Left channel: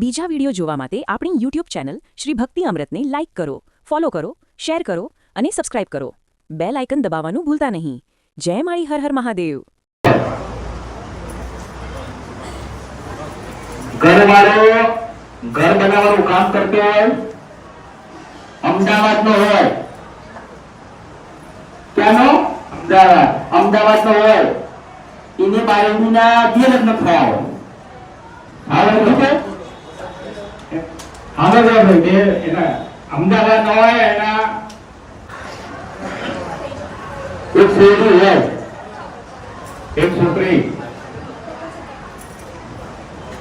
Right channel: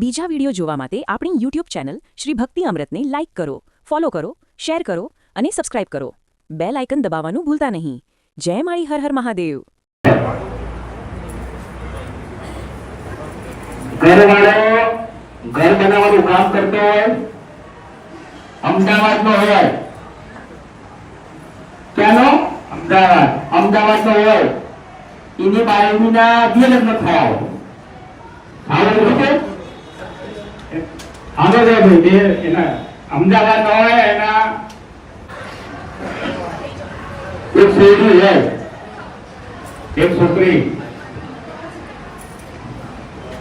બીજા વિડિયો જોવા માટે આપણી YouTube ચેનલ શ્રી ભક્તિ અમૃતને લાઇક કરો, ફોલો કરો, શેર કરો અને સબસ્ક્રાઇબ કરો. બેલ આઇકન દબાવવાનું ભૂલતા નહીં. જય માળી હર હર મહાદેવ. ઘરવાળો ઘર બનાવવાનું કામ કરતો હોય, અમદાવાદનો હોય, ત્યાંનો અમદાવાદનો હોય, એની બાળકીના જે લગ્ન થયા હોય અમદાવાદ હોય એના એક છોકરી હોય, એક છોકરી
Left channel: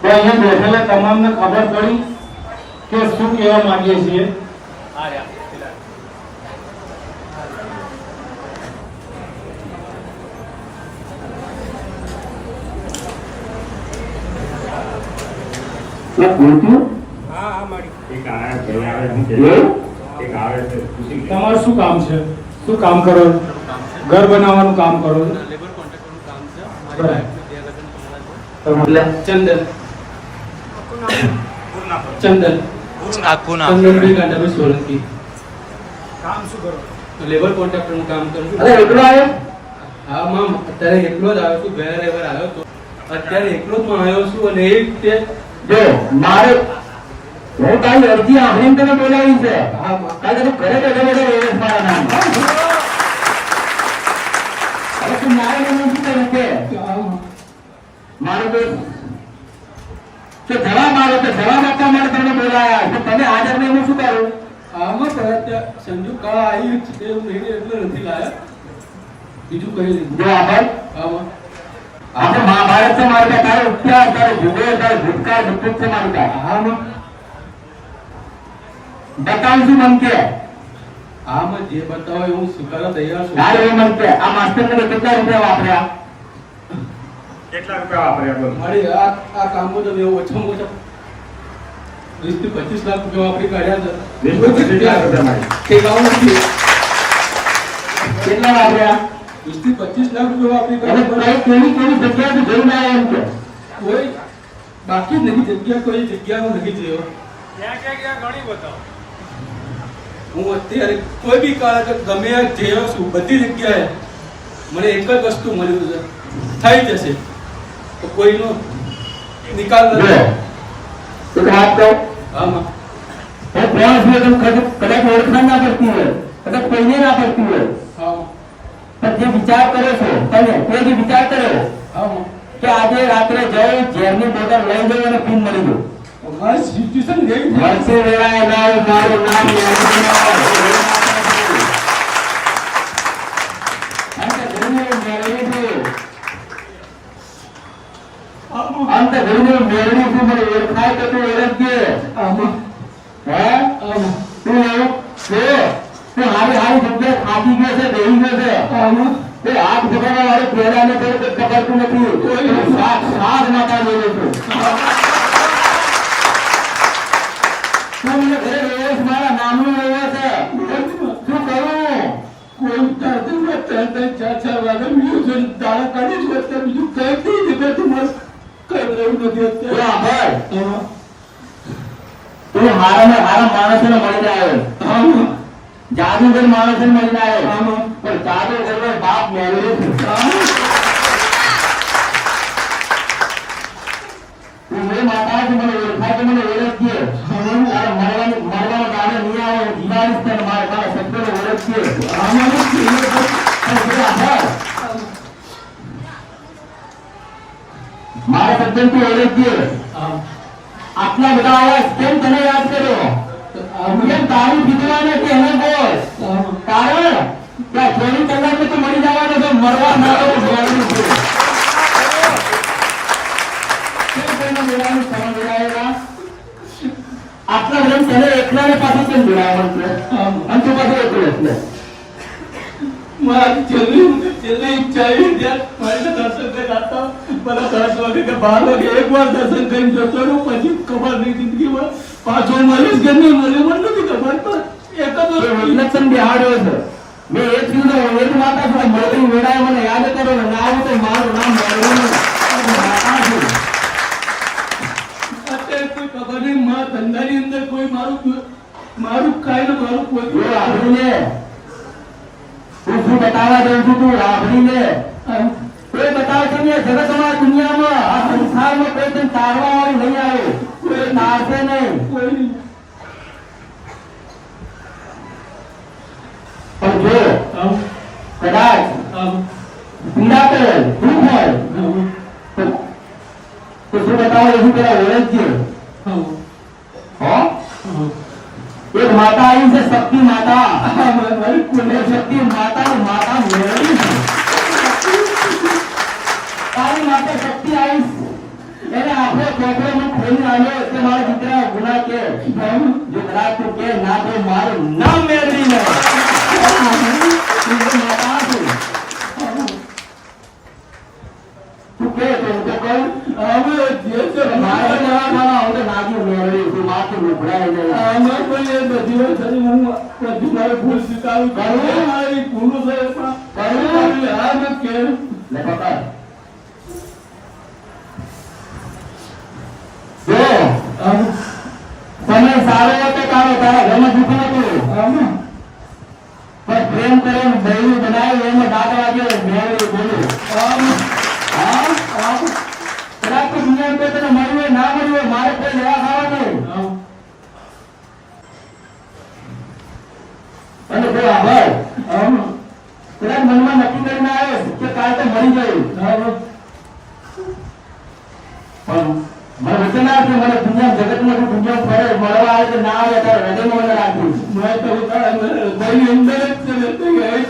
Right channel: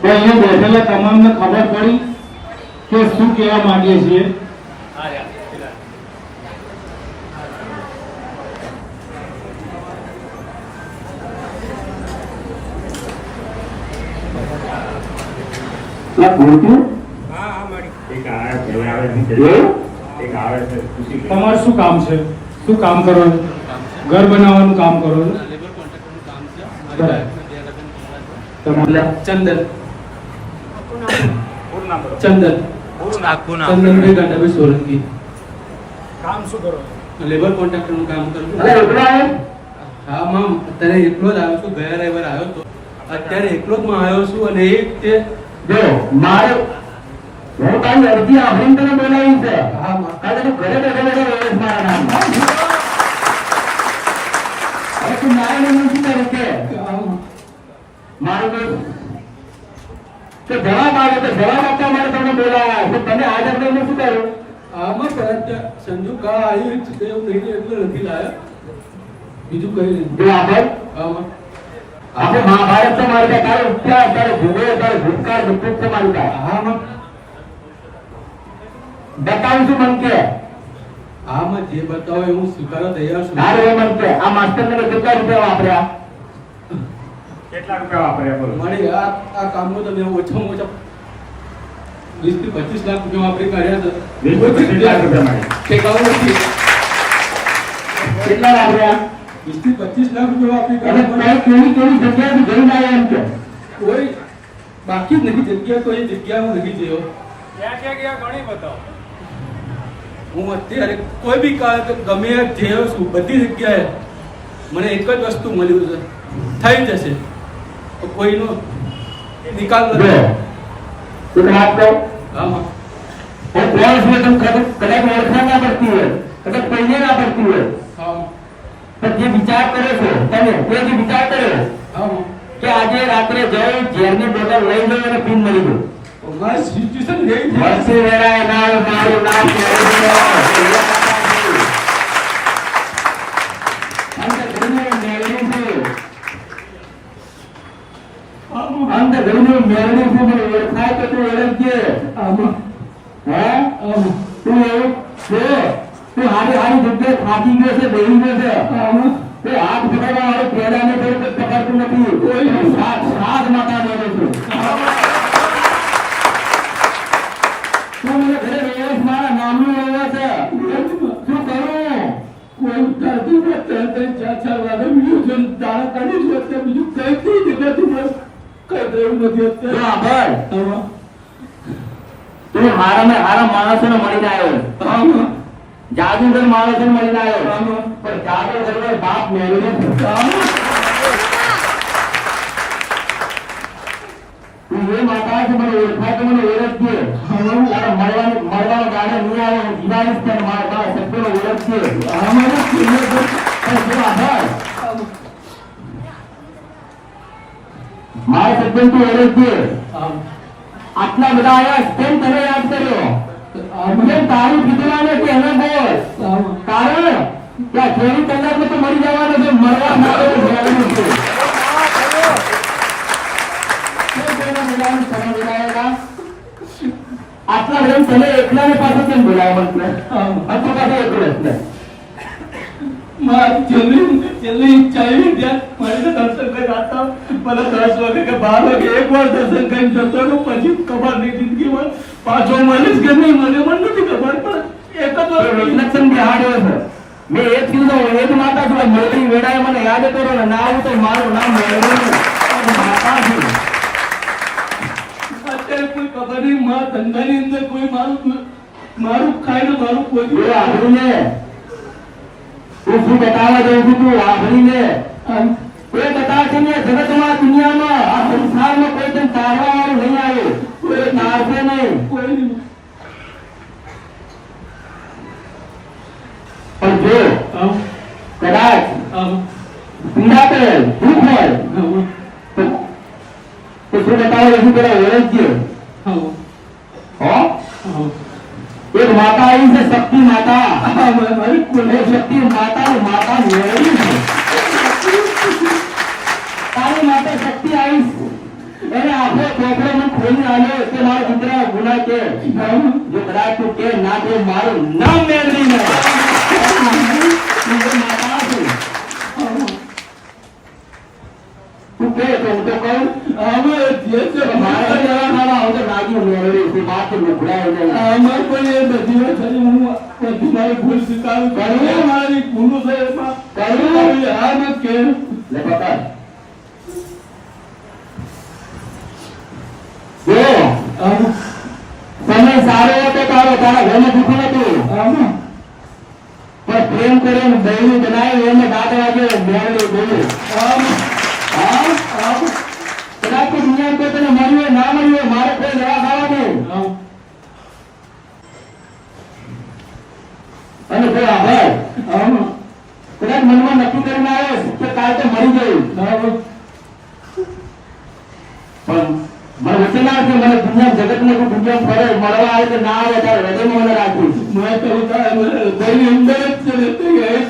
તો અહીંયા બેઠેલા તમામને ખબર પડી કે શું કહેવા માંગીએ છીએ. તમારું શું કામ છે? શું કામ કરો? ઘર બનાવવાનું કામ કરો છો? લેબર કોન્ટ્રાક્ટરનું કામ છે. ચંદન ચંદનભાઈ ગંડાભાઈ સોલંકી. કામ શું કરો? લેબર કોન્ટ્રાક્ટરનું કામ કરું છું. અરે એકલો આવ્યો? હા માં, અત્યારે એકલો જ આવ્યો છું. ગયા રવિવાર આવ્યો તો અત્યારે એકલો જ માં આવ્યો છું. અને એક તે જો મારે હું તારી અરજી આભરીને તને બોલાવી છે. હા માં, કાલે તું ઘરે બેઠો બેઠો એવો જ મારા નામ. અરે તું મારા નામ શું કરે છે? મારું તો જવાબ આવે તો જવાબ આપવા માટે તમને બોલાયા છે. તમે હાજર નહીં શું કરો? આમાં કદાચ સંજુ કા આવ્યું છે એવું નહીં એટલે નથી લાયા. બીજું કઈ નહીં. જો આભાર. આમાં આજે મહાભારત છે મારું પાસે. તારે ઇતિહાસ, તારે ભૂગોળ, તારે ભૂતકાળ બધું જ છે મારું પાસે. હા માં, બતાવું છું મન કે આમાં જે બતાવો એ હું સ્વીકારવા તૈયાર છું. તારે એ મન કે આ માસ્ટર ને કેટલા રૂપિયા વાપર્યા? કેટલા રૂપિયા વાપર્યા બોલ? મારે આ કામમાં તો મેં ઓછામાં ઓછા 20 થી 25 લાખ રૂપિયા વાપરી કાઢ્યા છે. બિલકુલ કેટલા રૂપિયા મારી? તે કામ નથી. કેટલા વાપર્યા? 20 થી 25 લાખ રૂપિયા વાપરી અને કાઢ્યા. કેવી કેવી જગ્યાથી જઈને આવ્યા એમ કે કોઈ બાકી જ નથી જગ્યા, કોઈ જગ્યા હું નથી ગયો. હું અત્યારે કોઈ બી ગમે ત્યાં જયો છું, બધી જગ્યાએ મને એક જ વસ્તુ મળ્યું છે, થઈ જશે. તો કોઈનો નિકાલ નથી. તું વાત તો આમાં वो प्रयास में तुम कदम ओळखा ना करती है, कदम पहले ना पड़ती है. આમાં पर જે વિચાર કરે છે તમે તે જે વિચાર કર્યો આમાં કે આજે રાત્રે જાઉં ઝેરની બોટલ લઈ લઉં અને પીન મળી ગયું. મારી સિચ્યુએશન એવી છે. વર્ષે વેળા નાવ મારું નામ અંત ઘડીનું મેળવી છું. મને ઓળખાય તો તું ઓળખજે. આમાં હે આમાં તું તું હારી હારી જગ્યાએ ખાતી ગયો છે, બેહી ગયો છે. આમાં કોઈ હાથ પકડવા વાળું પેડાને કોઈ પકડતું નથી. કોઈ સાત માતા બોલું છું. તું મને ઘરે રહ્યો છે, મારા નામનું રહ્યો છે. શું કરું? કોઈ ચારથી ચાર વાગે બીજું દાણા કાઢી જ વખતે બીજું કઈ કઈ દેખાતું મારું કઈ રહ્યું નથી તું અત્યારે. આભાર. આમાં તું મારા માણસોને મળીને આવ્યો. આમાં જાદુગર માણસોને મળીને આવ્યો. આમાં પણ જાદુગરનો બાપ મેળવ્યો છે. તું એ માતા છે, મને ઓળખાય તો મને ઓળખજે. તારે મળવાનો ગાળો નહીં આવે. જીવાડીશ તને મારા શબ્દોને ઓળખજે. આમાં અને તું આભાર. મારા શબ્દને તું ઓળખજે. આટલા બધા આવ્યા કેમ તને યાદ કર્યો? કેમ તારું કીધું કે હવે બોલ. કારણ કે આ થોડી કલાકમાં તો મળી જવાનો છે. મરવા માટે બોલાવેલું છે. કેમ કોઈને બોલાવવાનું તમે બોલાવેલા? આટલા જેમ તને એકલાને પાછું કેમ બોલાવવાનું છે? અને તો પાછું એકલો એટલે મારી છેલ્લી ઈચ્છા એવી ત્યાં મારે દર્શન કરી આવતા. મને 10 વાગે કે 12 વાગે એકવાર દર્શન કરી જતો રહું. પછી ખબર નહીં જિંદગીમાં પાછો મળીશ કે નહીં મને પણ નથી ખબર. પણ એક જ વાર રિફ્લેક્શન બિહાડ્યો છે. મેં એક કીધું એ જ માતા છું. મળતી વેળાએ મને યાદ કરો ને ના આવું તો મારું નામ મેળવ્યું. માતા છું. અત્યારે કોઈ ખબર નહીં મારા ધંધાની અંદર કોઈ મારું ખાય ને મારું કોઈ એ આભરીને તું શું બતાવવા જઉં છું તું આભરીને કોઈ બતાવશે નહીં જગતમાં દુનિયામાં આ સંસારમાં કોઈ તને તારવા વાળું નહીં આવ્યું કોઈ તારશે નહીં કોઈ પણ જો આમ કદાચ આમ પીડા કરે દુઃખ હોય તો શું બતાવો એવું પેલા ઓળખજે હો એક માતા આવી છે શક્તિ માતા મારી કોઈ શક્તિ માતા માતા મેળવી છે તારી માતા શક્તિ આવી એને આખો છોકરો મને ખોલી આવ્યો તે મારો દીકરા ગુના કે જો કદાચ તું કે ના તો મારું નામ મેળવી લે માતા છું તું કે તો હું તો કહું હવે જે છે મારા જવાના હવે નાગી મેળવી છે માથે મોકલાય નહીં અમાર કોઈ એ બધી વાત કરી હું બધી મારી ભૂલ સ્વીકારું કરું મારી ભૂલો છે એમાં કરું આ ન કે લે પકડ જો આમ સમય સારો હતો તારા ઘરને દુઃખ નતું આમ પણ પ્રેમ કરીને બહેનું બનાવી એને દાદા વાગે મેળવી બોલું આમ હા કદાચ તો દુનિયા કોઈ તને મળ્યું હોય ના મળ્યું હોય મારે કોઈ લેવા ખાવા નહીં આમ અને જો આભાર આમ કદાચ મનમાં નક્કી કરીને આવ્યો કે કાલ તો મળી ગયું આમ પણ મને વચન આપ કે મને દુનિયા જગતમાં તું દુનિયા ફરે મળવા આવે કે ના આવે ત્યારે હૃદયમાં મને રાખીશ મેં તો દહીં અંદર જ છે ને તો એ જ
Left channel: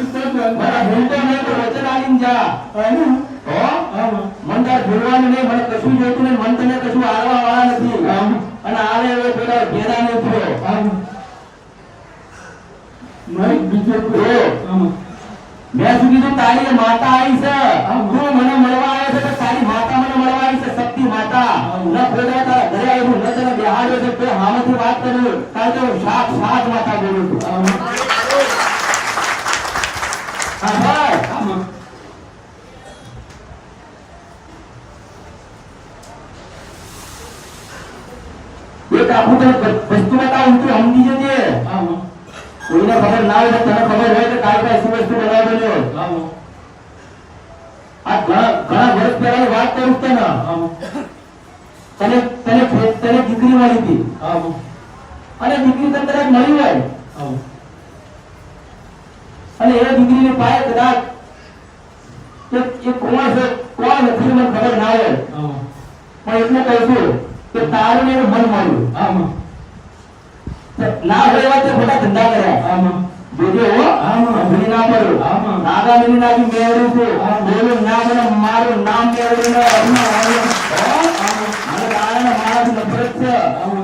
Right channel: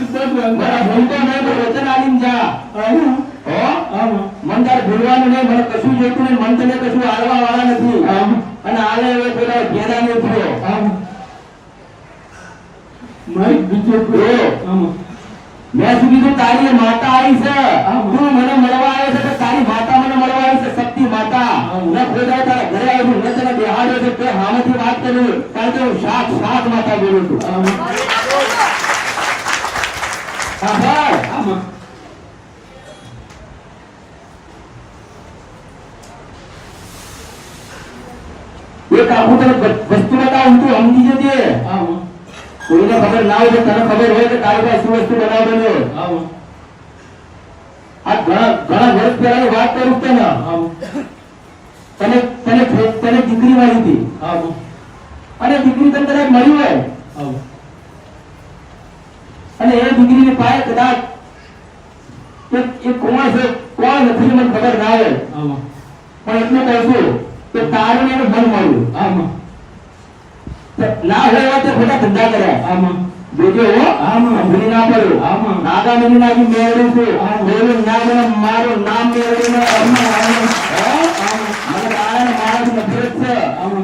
મારા ભગવાન ભૂલતો નહીં તો વચન આલીને જા આમ હો આમ મન તાર ભૂલવાનું નહીં મને કશું જોઈતું નહીં મન તને કશું હાલવા વાળા નથી આમ અને હાલે હવે પેલા ઘેરા નહીં થયો આમ મારી બીજો જો આમ મેં સુધી તો તારી માતા આવી છે આમ. તું મને મળવા આવ્યો છે તો તારી માતા મને મળવા આવી છે શક્તિ માતા આમ. ન ખોદાય તારા ઘરે આવ્યું ન તને બેહાડ્યો છે તે હામેથી વાત કરી કારણ કે હું સાત માતા બોલું છું આમ આભાર આમ એક આખું તને વસ્તુ બતાવું તું સમજી જજે આમ કોઈને ખબર ના હોય તો તને ખબર હોય કે તારી પાસે શું વસ્તુ બનાવ બન્યો આમ આ ઘણા વર્ષ પહેલાની વાત કરું તને આમ તને દીકરી મળી હતી આમ અને દીકરી તને કદાચ મળી હોય આમ અને એ દીકરીને પાસે કદાચ એ કોણ છે કોણ નથી મને ખબર ના હોય આમ પણ એટલે કહીશું કે તારું ને એનું મન મળ્યું આમ ના હોય તો ખોટા ધંધા કર્યા આમ જોજે હો અંજલી ના પડ્યું આમ. નાગામીની નાગી મેળવ્યું છે મેળવ્યું ના મને મારું નામ મેળવીને અભિમાન આવ્યું. મને તારાને મારાથી નફરત છે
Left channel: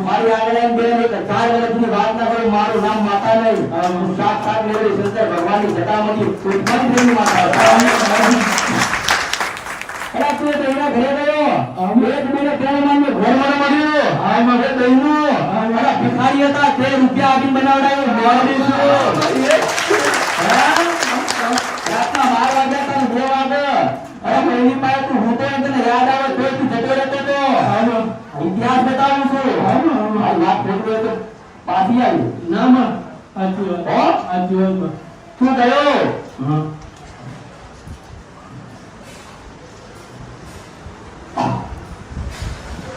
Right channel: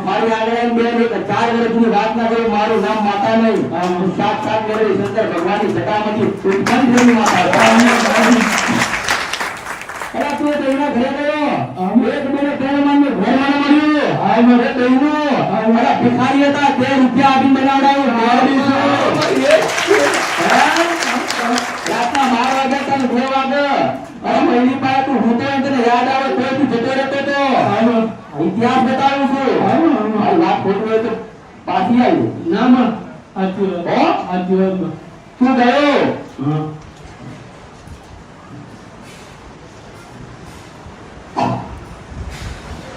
મારી આગળ એમ બે ને 4 વર્ષની વાત ના કરું મારું નામ માતા નહીં હું સાક્ષાત મેળવી શંકર ભગવાનની જટામાંથી ઉત્પન્ન થયેલી માતા અરે તું તો એના ઘરે ગયો એક મને પ્રેમાનને ઘોરવાનું મળ્યું આ મને બહેનું અરે ભિખારી હતા 2 રૂપિયા આપી બનાવડાવ્યો મારું રાતના 12 વાગ્યા તને 2 વાગે અરે મહિની પાસે તું હું તો તને યાદ આવે તો તું જતો રહેતો તો ઇતિહાસ બતાવું છું આ વાત ખોટું હોય તો પાછી આવી ના માં આજો તું ગયો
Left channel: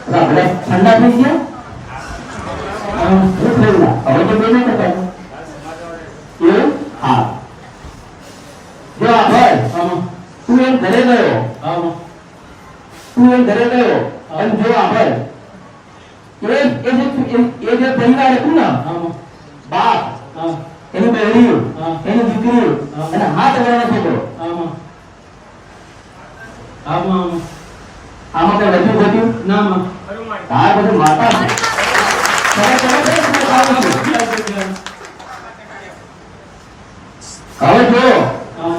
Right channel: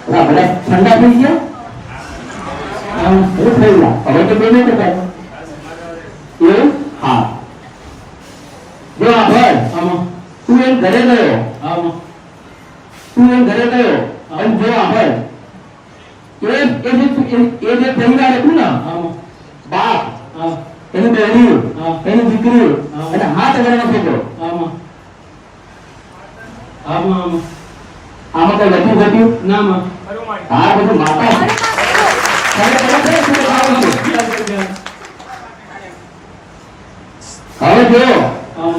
હા બધા ઠંડા થઈ ગયા હું થઈ ગયા હવે તો બેને કરતા એવું હા જો આભાર આમ તું એમ ઘરે ગયો આમ અને જો આભાર એ જે પહેલા હતું ને આમ બાપ આમ એની બહેની હા. એની દીકરી હા. અને હાથ વગરનો છોકરો આમ આમ આમાં કઈ નથી ઘટ્યું ના માં આ બધું માતા છે. ચાલો, ચાલો, ચાલો, ચાલો, આવો છો. હવે જો આમ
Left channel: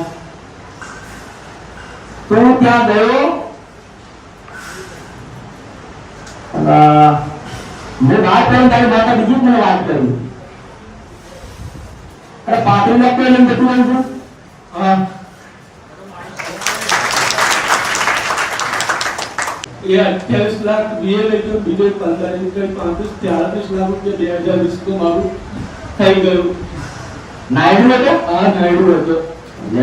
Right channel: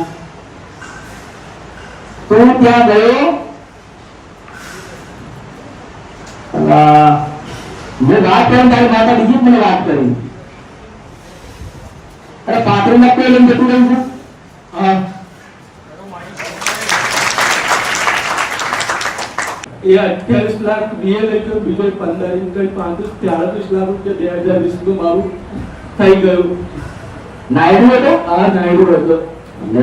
તું ત્યાં ગયો મેં વાત કરી તારી માતા બીજી જ મને વાત કરી અરે પાટણ માં કોઈ લઈને જતું રહ્યું છે હા એ 28 લાખ બીએ લેતો બીજો 15 કઈ 35 લાખ રૂપિયા 2020 માં મારું થઈ ગયું. નાયડુ હતો આ નાયડુ હતો. લે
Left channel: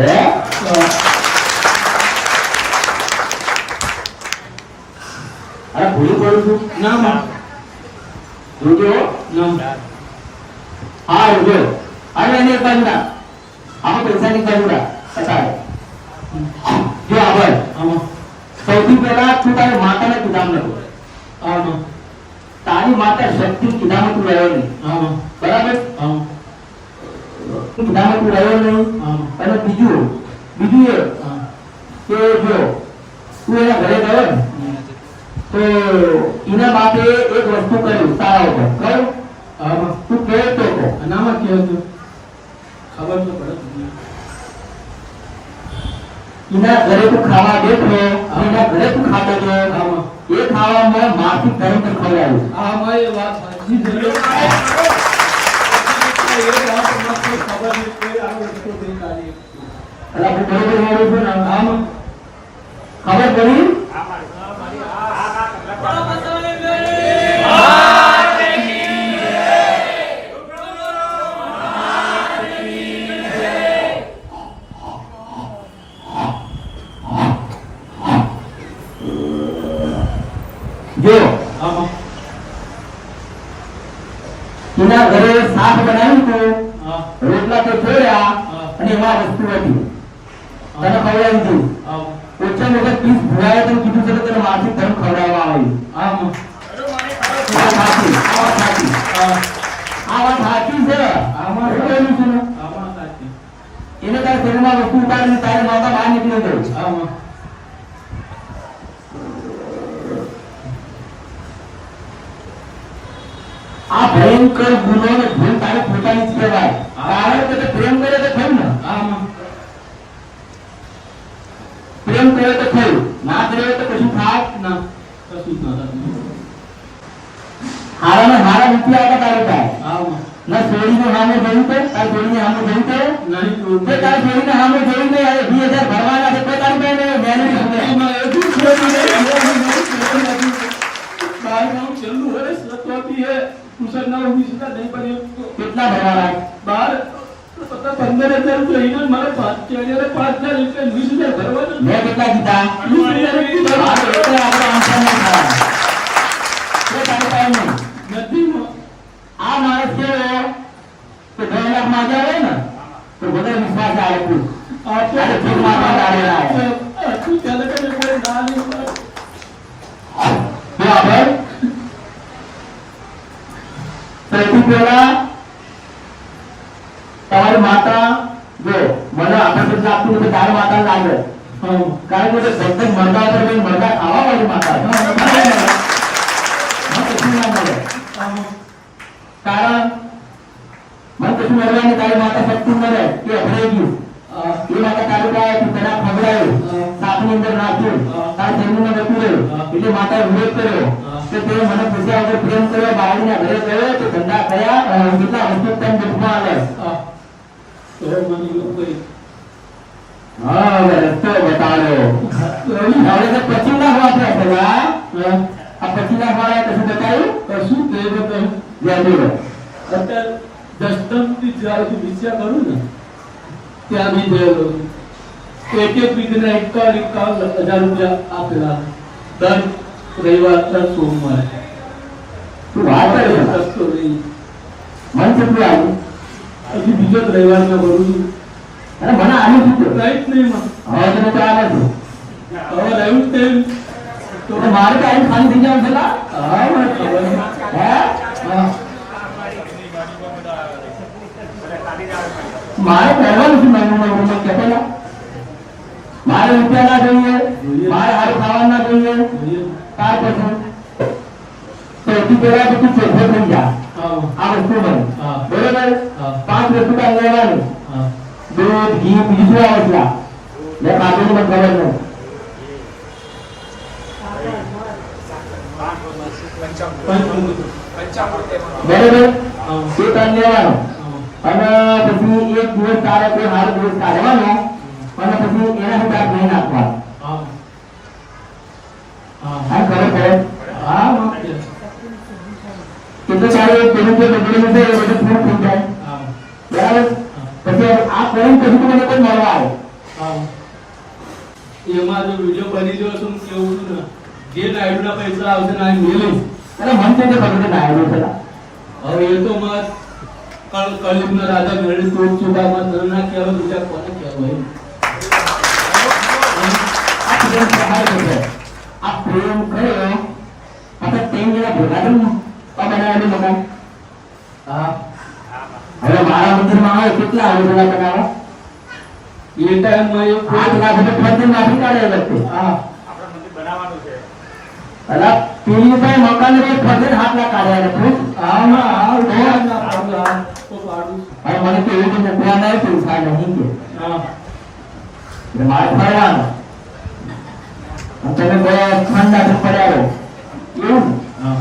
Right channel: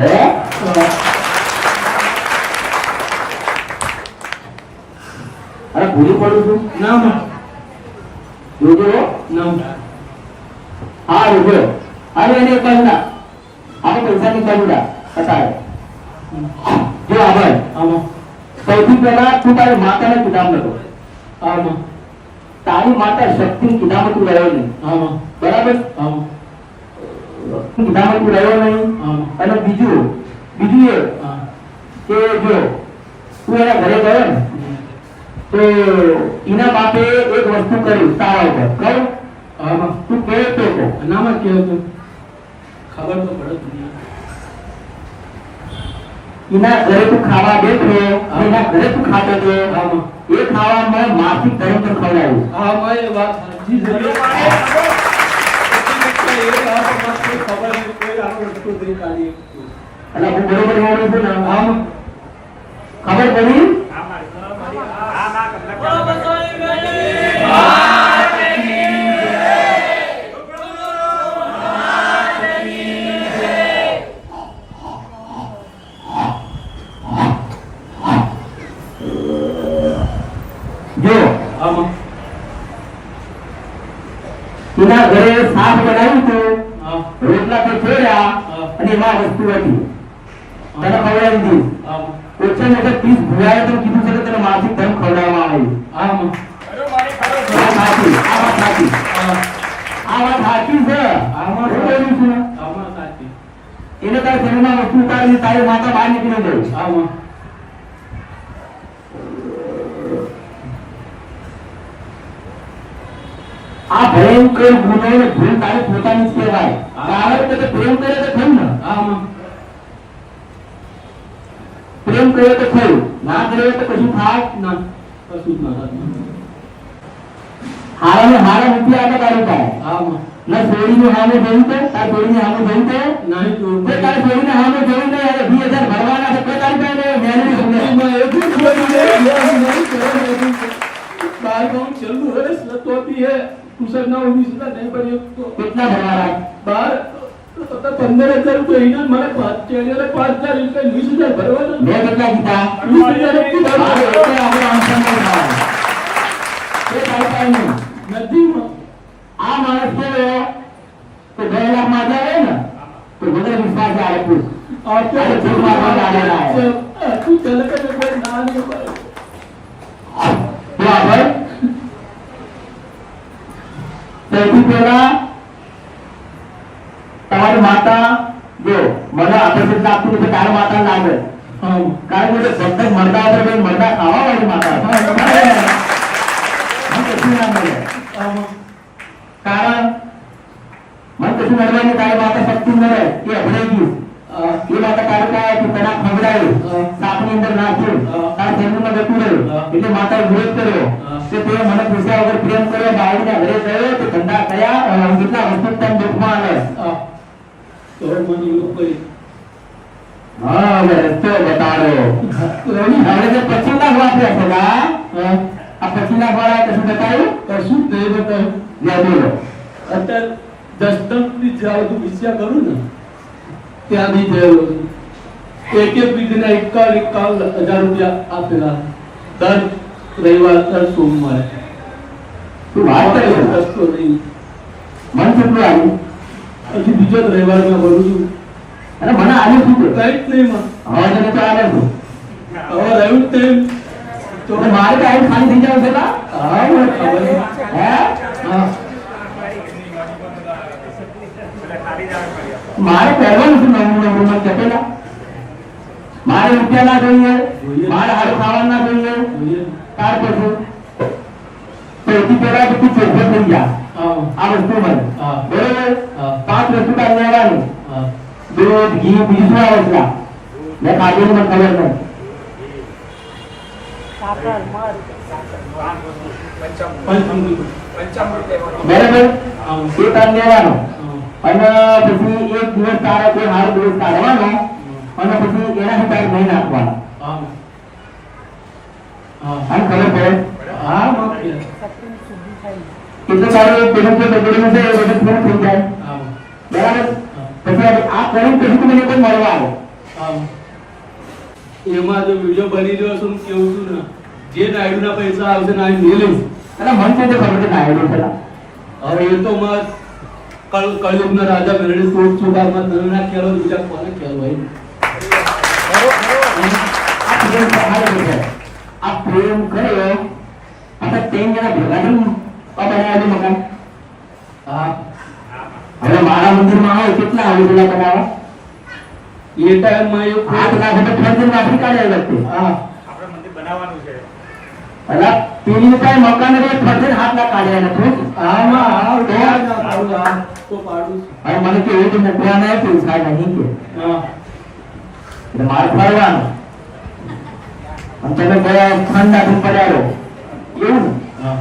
અરે ભૂલી પડું છું ના માં જોજો ના હા જો અરે એને બંધા આમાં પૈસાની કરુડા અસાય જો આભાર આમાં સૌથી પહેલા તું તારી માતાને કીધામ નતો આમાં તારી માતા શક્તિ કીધામાં તું રહ્યો નહીં આમાં બરાબર આમાં કીધામાં તું રહ્યો નહીં આમાં અને બીજું એ કે જો તું એના ઘરે ગયો ને તો એના બાપે એક વસ્તુ કર્યું તારા ઉપર બરાબર આમાં તું કેતો હતો અનામાં કે હતું ખબર તો પડે દુનિયા. એના ઘરે તું ખાવા બેઠો એના ઘરે તું ખાતો હતો આમાં એ ખાવામાં માસિક ધર્મ પર ખવડાવ્યું આમાં એ વાત સાચી છે. એ વાત માત્ર ખબર નહીં કોઈ આ વસ્તુ નહીં કાઢી. એટલે આપણે બરોબર વાળું છે ને આમાં ખબર પડી જો આમાં એના ઘરે શાક બનાવ્યું હતું હા રોટલા તો છોડ્યા અને એમાં વસ્તુ હતી તને ખવડાવી દીધું આમાં ઓછા મોટા 30 ભૂલાય તો કીધું છે કે તને માસિક ધર્મ ખવડાવવામાં આવ્યું આમાં આ વાત સાચી આ વાત સાચી છે આમાં શું બોલું છું આમાં સાચી એને તારે શરીરમાં વસ્તુ ઉતારીને તારી માતા બહાર નીકળી ગઈ આમાં આ ભયંકર ગુનો ને ભૂલ તારી પોતાની જ કહેવાય કારણ કે તે પ્રેમ કરે તો થયું ને આમાં પ્રેમ કરે તો થયું ના કરે તો કશું થાય ના કશું જ ના થતું. હારા ને હારા નથી આગળ તારું થાય આમાં ના છોડીને સામે જોયું છે તાર છોડીને સામે જોયું છે નહીં તો તે તાર છોડીને સામે જોયું ને યાર 2000 ભરવાના છે કોઈ તારી પાસે મેળવી શકે એમાં એવું જ બધું નહીં. બાર ગામ છેલ્લું વર્ષ લતોતી હે ટ્યુશન ના ઓફિસ ના નહીં પણ કેટલા ભરવાના બાર 15,000 રૂપિયા ઇનામ મને 5,000 એટલે 20,000 ભરવાના. મેં કેટલા કીધા 20,000 રૂપિયા હા, ભરવાના. એટલે આપણે answer નહીં કરવાનો. તે તારી પાસે નહીં. નથી આ માણસ કેવો તો 10 લાખ માંગ્યા હોય ને તો મને વિશ્વાસ આવે તું અરે જો મારવા લાડેલા આવે તું ચાલે કે કોઈ ના નહીં તો આગળ સૌથી પહેલા તમારી માતા જો મને આકર્ષિત લાગતું હોય તો તારી માતા ના આવે કારણ કે ભક્ત મરદા ઉપર કઈ મરદા ખાવા વાળી માતા મને કશું ના મળે કારણ મને કશું મળવાની તારી માતા શક્તિ મળે એ અભડાઈ ગયું એ માતા તારે કહે કે તને ખવડાવ્યું સાપની અંદર નાખ્યું તારા શરીરમાં જતું રહ્યું એટલે માતાએ વિરોધ કર્યો કે તે મને પૂછ્યા વગર પ્રેમ કર્યો બાળકના ઘરે ગયો તો ધંધા કયા કેટલા વખત તને દુઃખમાં આવે તો મને એવું કોઈ હા હવે રસ્તો બતાડ્યો હવે તો પછીના વાપરે છે આ પછીના વાળા કશું બતાવ્યું કશું નહીં બતાવ્યું. જય બોલો અત્યારે દસમથી જ્યાં બધું વિચાર કરું ને ત્યાં બી ગયેલો છું. એક વિધિના 51,000 રૂપિયા આપેલા દર રવિવાર દર સોમવારે. તું વાત કરે છે રસ્તો નહીં. મન કેટલું આવ્યું હજી બીજો જ રવિવારના ભરું છું. અને મને આનું શું થયું? કંઈ જ નહીં માં. હવે તને ચાલે છે હવે રહ્યું જ નહીં. તો તો મારે તો આઈ ખાલી થઈ જવાનું છે લા? હા મને ખબર નહીં. હે હા. મારે પહેરવાનું છે નમૂનો કે પેલા મારે રૂપિયા ના જોઈએ મારે હારું ખાવા ના જોઈએ જોઈએ. તાર કશું સૌથી પહેલા તો તું ચોખ્ખો થઈ જા હા. આ વસ્તુ મને હા. બરોબર હા. 5 વસ્તુ તારે લેવાની હા. દૂધ ઘી બીજું આવડલા મેં ખાધું મને ખબર નહીં બરોબર હા. તે તારે લેવાનો હા. અને પછી એક દિવસ તારે કોઈ સારો દિવસ કાઢવાનો અને પછી એના તારે નહીં નાખવાનો હા. હા. આમ ખબર પડે હા ઓકે. કેટલું સારું પેલું જે બગડેલું છે એ બધું પૂરું થઈ જાય હા બરાબર પછી આ પોઈન્ટ પછી તો મને કોઈ મળવા આવે હા. એમાં જો વિડીયો બની ગયો છું કેવું છું ને જે નાયડુના પૈસા આવશે ને આ મેલીશ. અને મન છે તે ખબર છે ના આવ્યું છે હવે એ તો માં કલયુગના રાજા મેળવી તોડ ચુકામાં તને ના કહેવાય બીજા કોને કહેવાય. આ પ્રેમ સહાય છે આ પ્રેમ કર્યો આપણે તેમ જણા ભેગા થયું બનાવ્યું મકાન હા હવે મારા મંદિરમાં આવે કેટલા આવે છે બનાવવા એ ટાઈમમાં એ 8 લાખ રૂપિયા ફંડ માંથી કાઢેલા છે હા અલા પેલી કઈ મકાન કોઈ ફંડ 7 લાખ કાઢ્યા નથી હા ના હા ઉધાર ના પાડું તો પાડું. હવે મને કે એવું તમને ધ્યાન આવે કે સાહેબ નહીં કે હા એટલે મારે ફરવાનું અને તમે ગયા ફંડ આખું પડાયો એવું ને હા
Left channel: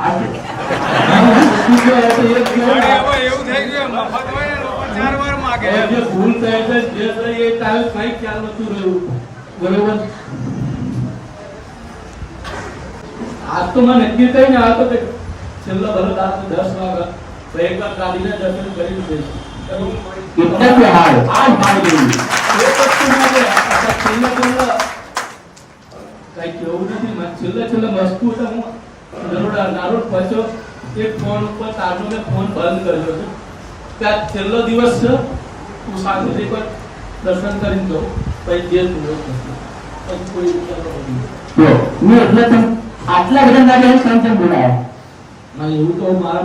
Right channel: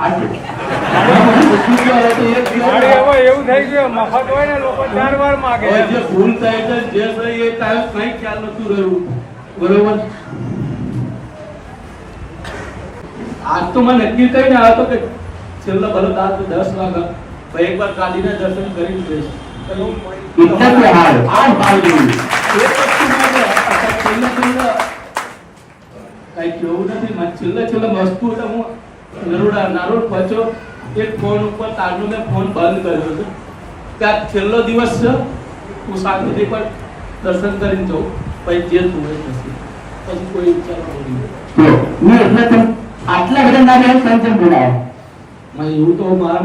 આ છે એવું થઈ ગયું મફત હોય ને લોકો 4 વાર માંગે જે ભૂલ થાય છે જે થાય એ ટાઈમ કઈ ખ્યાલ નતું રહ્યું બરોબર. આજ તો મને નક્કી કરીને આ તો કે છેલ્લો ભલો દાસ 10 વાગ્યા ભાઈ એકવાર કાલીના દર્શન કરી લીધે इतना भी हाल आज भाई એ વસ્તુ મને છેલ્લા કઈ કેવું નથી છેલ્લા વસ્તુ તો હું નારોડ પહોંચ્યો એક ફોન ઉપર તારનો મેં ફોન બંધ કર્યો છે ત્યાં છેલ્લો દિવસ છે તું શાંતિથી પણ દર્શન કરીને જાઉં પછી જે જોડે પછી કોઈ વિચાર નહીં. જો ને એટલે તમે આટલા બધા ગાડી સંચમ બોલાવો એવું તો મારા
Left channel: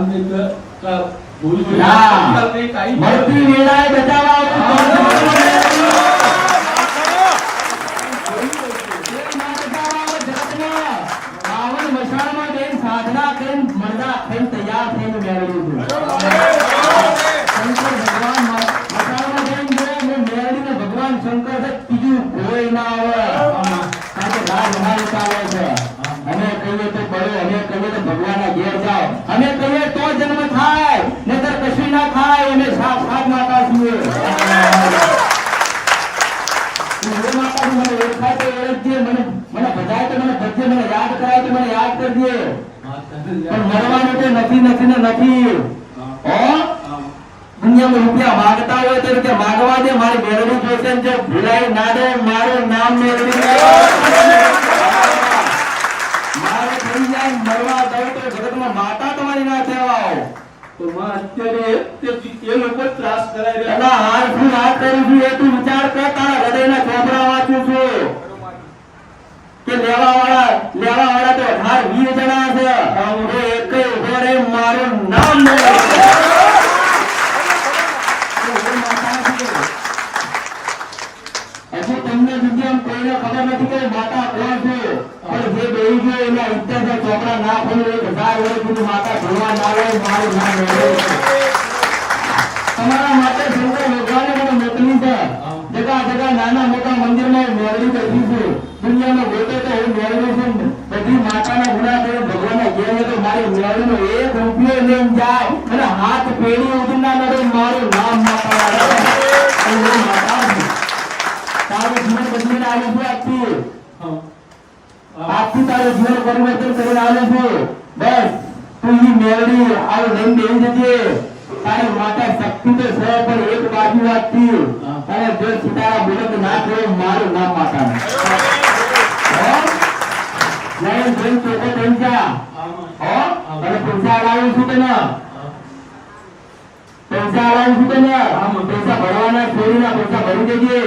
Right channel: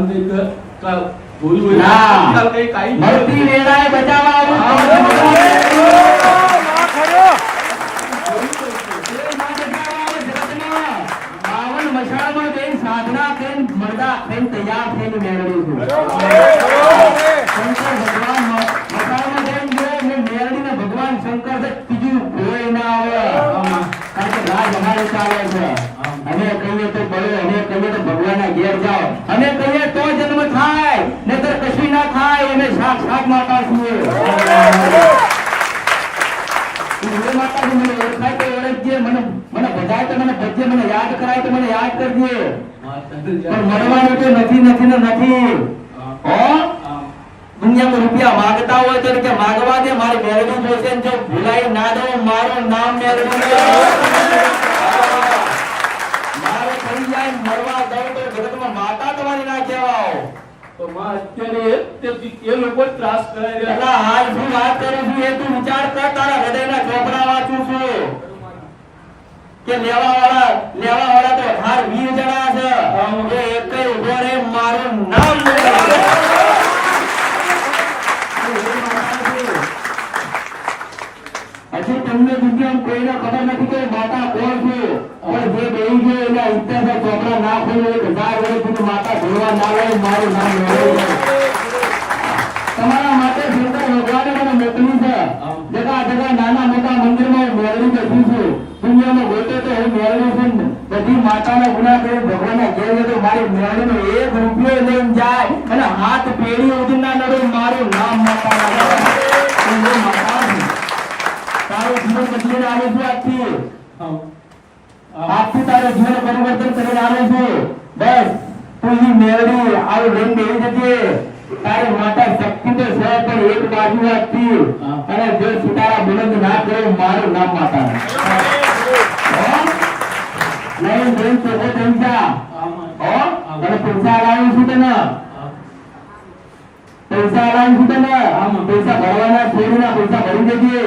ભૂલ હોય ના કઈ કાઈ મળતી વેળાએ બચાવવા બાવન મશાળમાં જઈને સાધના કરીને મરદા થઈને તૈયાર થઈને મેળવ્યું છે શંકર ભગવાન મશાળમાં જઈને જો ને મેળવીને ભગવાન શંકર છે ત્રીજું કોઈ ના આવે કારણ કે રાજ બનાવી ચાલે છે અમે કહીએ તો બળો અમે કહીએ તો ભગવાનના ઘેર જાઓ અમે કહીએ તો જન્મ થાય નહીતર કશું ના થાય અમે સાક્ષાત માતા છીએ માતાજી મને ઓળખાય તો ઓળખજે મને બધાય તો મને ભજે મને યાદ કરાય તો મને યાદ કરજે પણ મરવાનું તો નથી નથી ને નથી હો દુનિયામાં રૂપિયા માંગતા હોય તો કે માંગવા દે મારી મેળવી જોશે જો ભૂલાઈ ના દો મારું નામ મેળવી મારો થઈ જાય મરવા દઉં તો જગતમાં માતા તમારી ના કહેવાઓ તો અત્યારે એ લોકો ત્રાસ કરાય રહ્યા. એટલે હાલ શું વાત કરું છું એ તું વિચાર કર તારા હૃદયના ચોપડા વાંચું છું કે લેવા વાળા તો 18-20 જણા છે તો એકે ઉભો રે મારું નામ હજુ તમને દુનિયામાં કોઈને ખબર નથી કે માતા કોણ છે હવે જે બેહી ગયો એના ઉત્તર જે ચોપડા ના ખોલે એ બધા વર્ષ સુધી માતા ભણવા ના આવે મારું નામ મેળવે તમારા માટે શંકર ભગવાને મને મોકલી છે જગા જગા નાના મોટા મંદિરમાં મેળવી બેઠી છે દુનિયામાં ગોતે તો હું મેળવી છું બધી માતાના ગુના કરે ભગવાનના જય તો મારી મેળવીનો 1 રૂપિયો લઈને જાય અને હાથ પેઢી ઉદીના નરો મારું નામ માતાના માતા તારું જીવન બદલીને આવ્યું છે આજથી તારું જીવન પરિવર્તન કરીને આવ્યું છે બસ તું ઈ મેળવી આવું લઈને બેસી જજે તારે માતા શક્તિ તો છે પણ એક બાજુ રાખતી તારે જો સિતારા બુલંદ ના કરો મારું નામ માતા નહીં જોઈ ચોખ્ખો થઈ જા અને પૈસા લાવું છું તને પૈસા ભરવાના ચોરીના પૈસા ભરી દેજે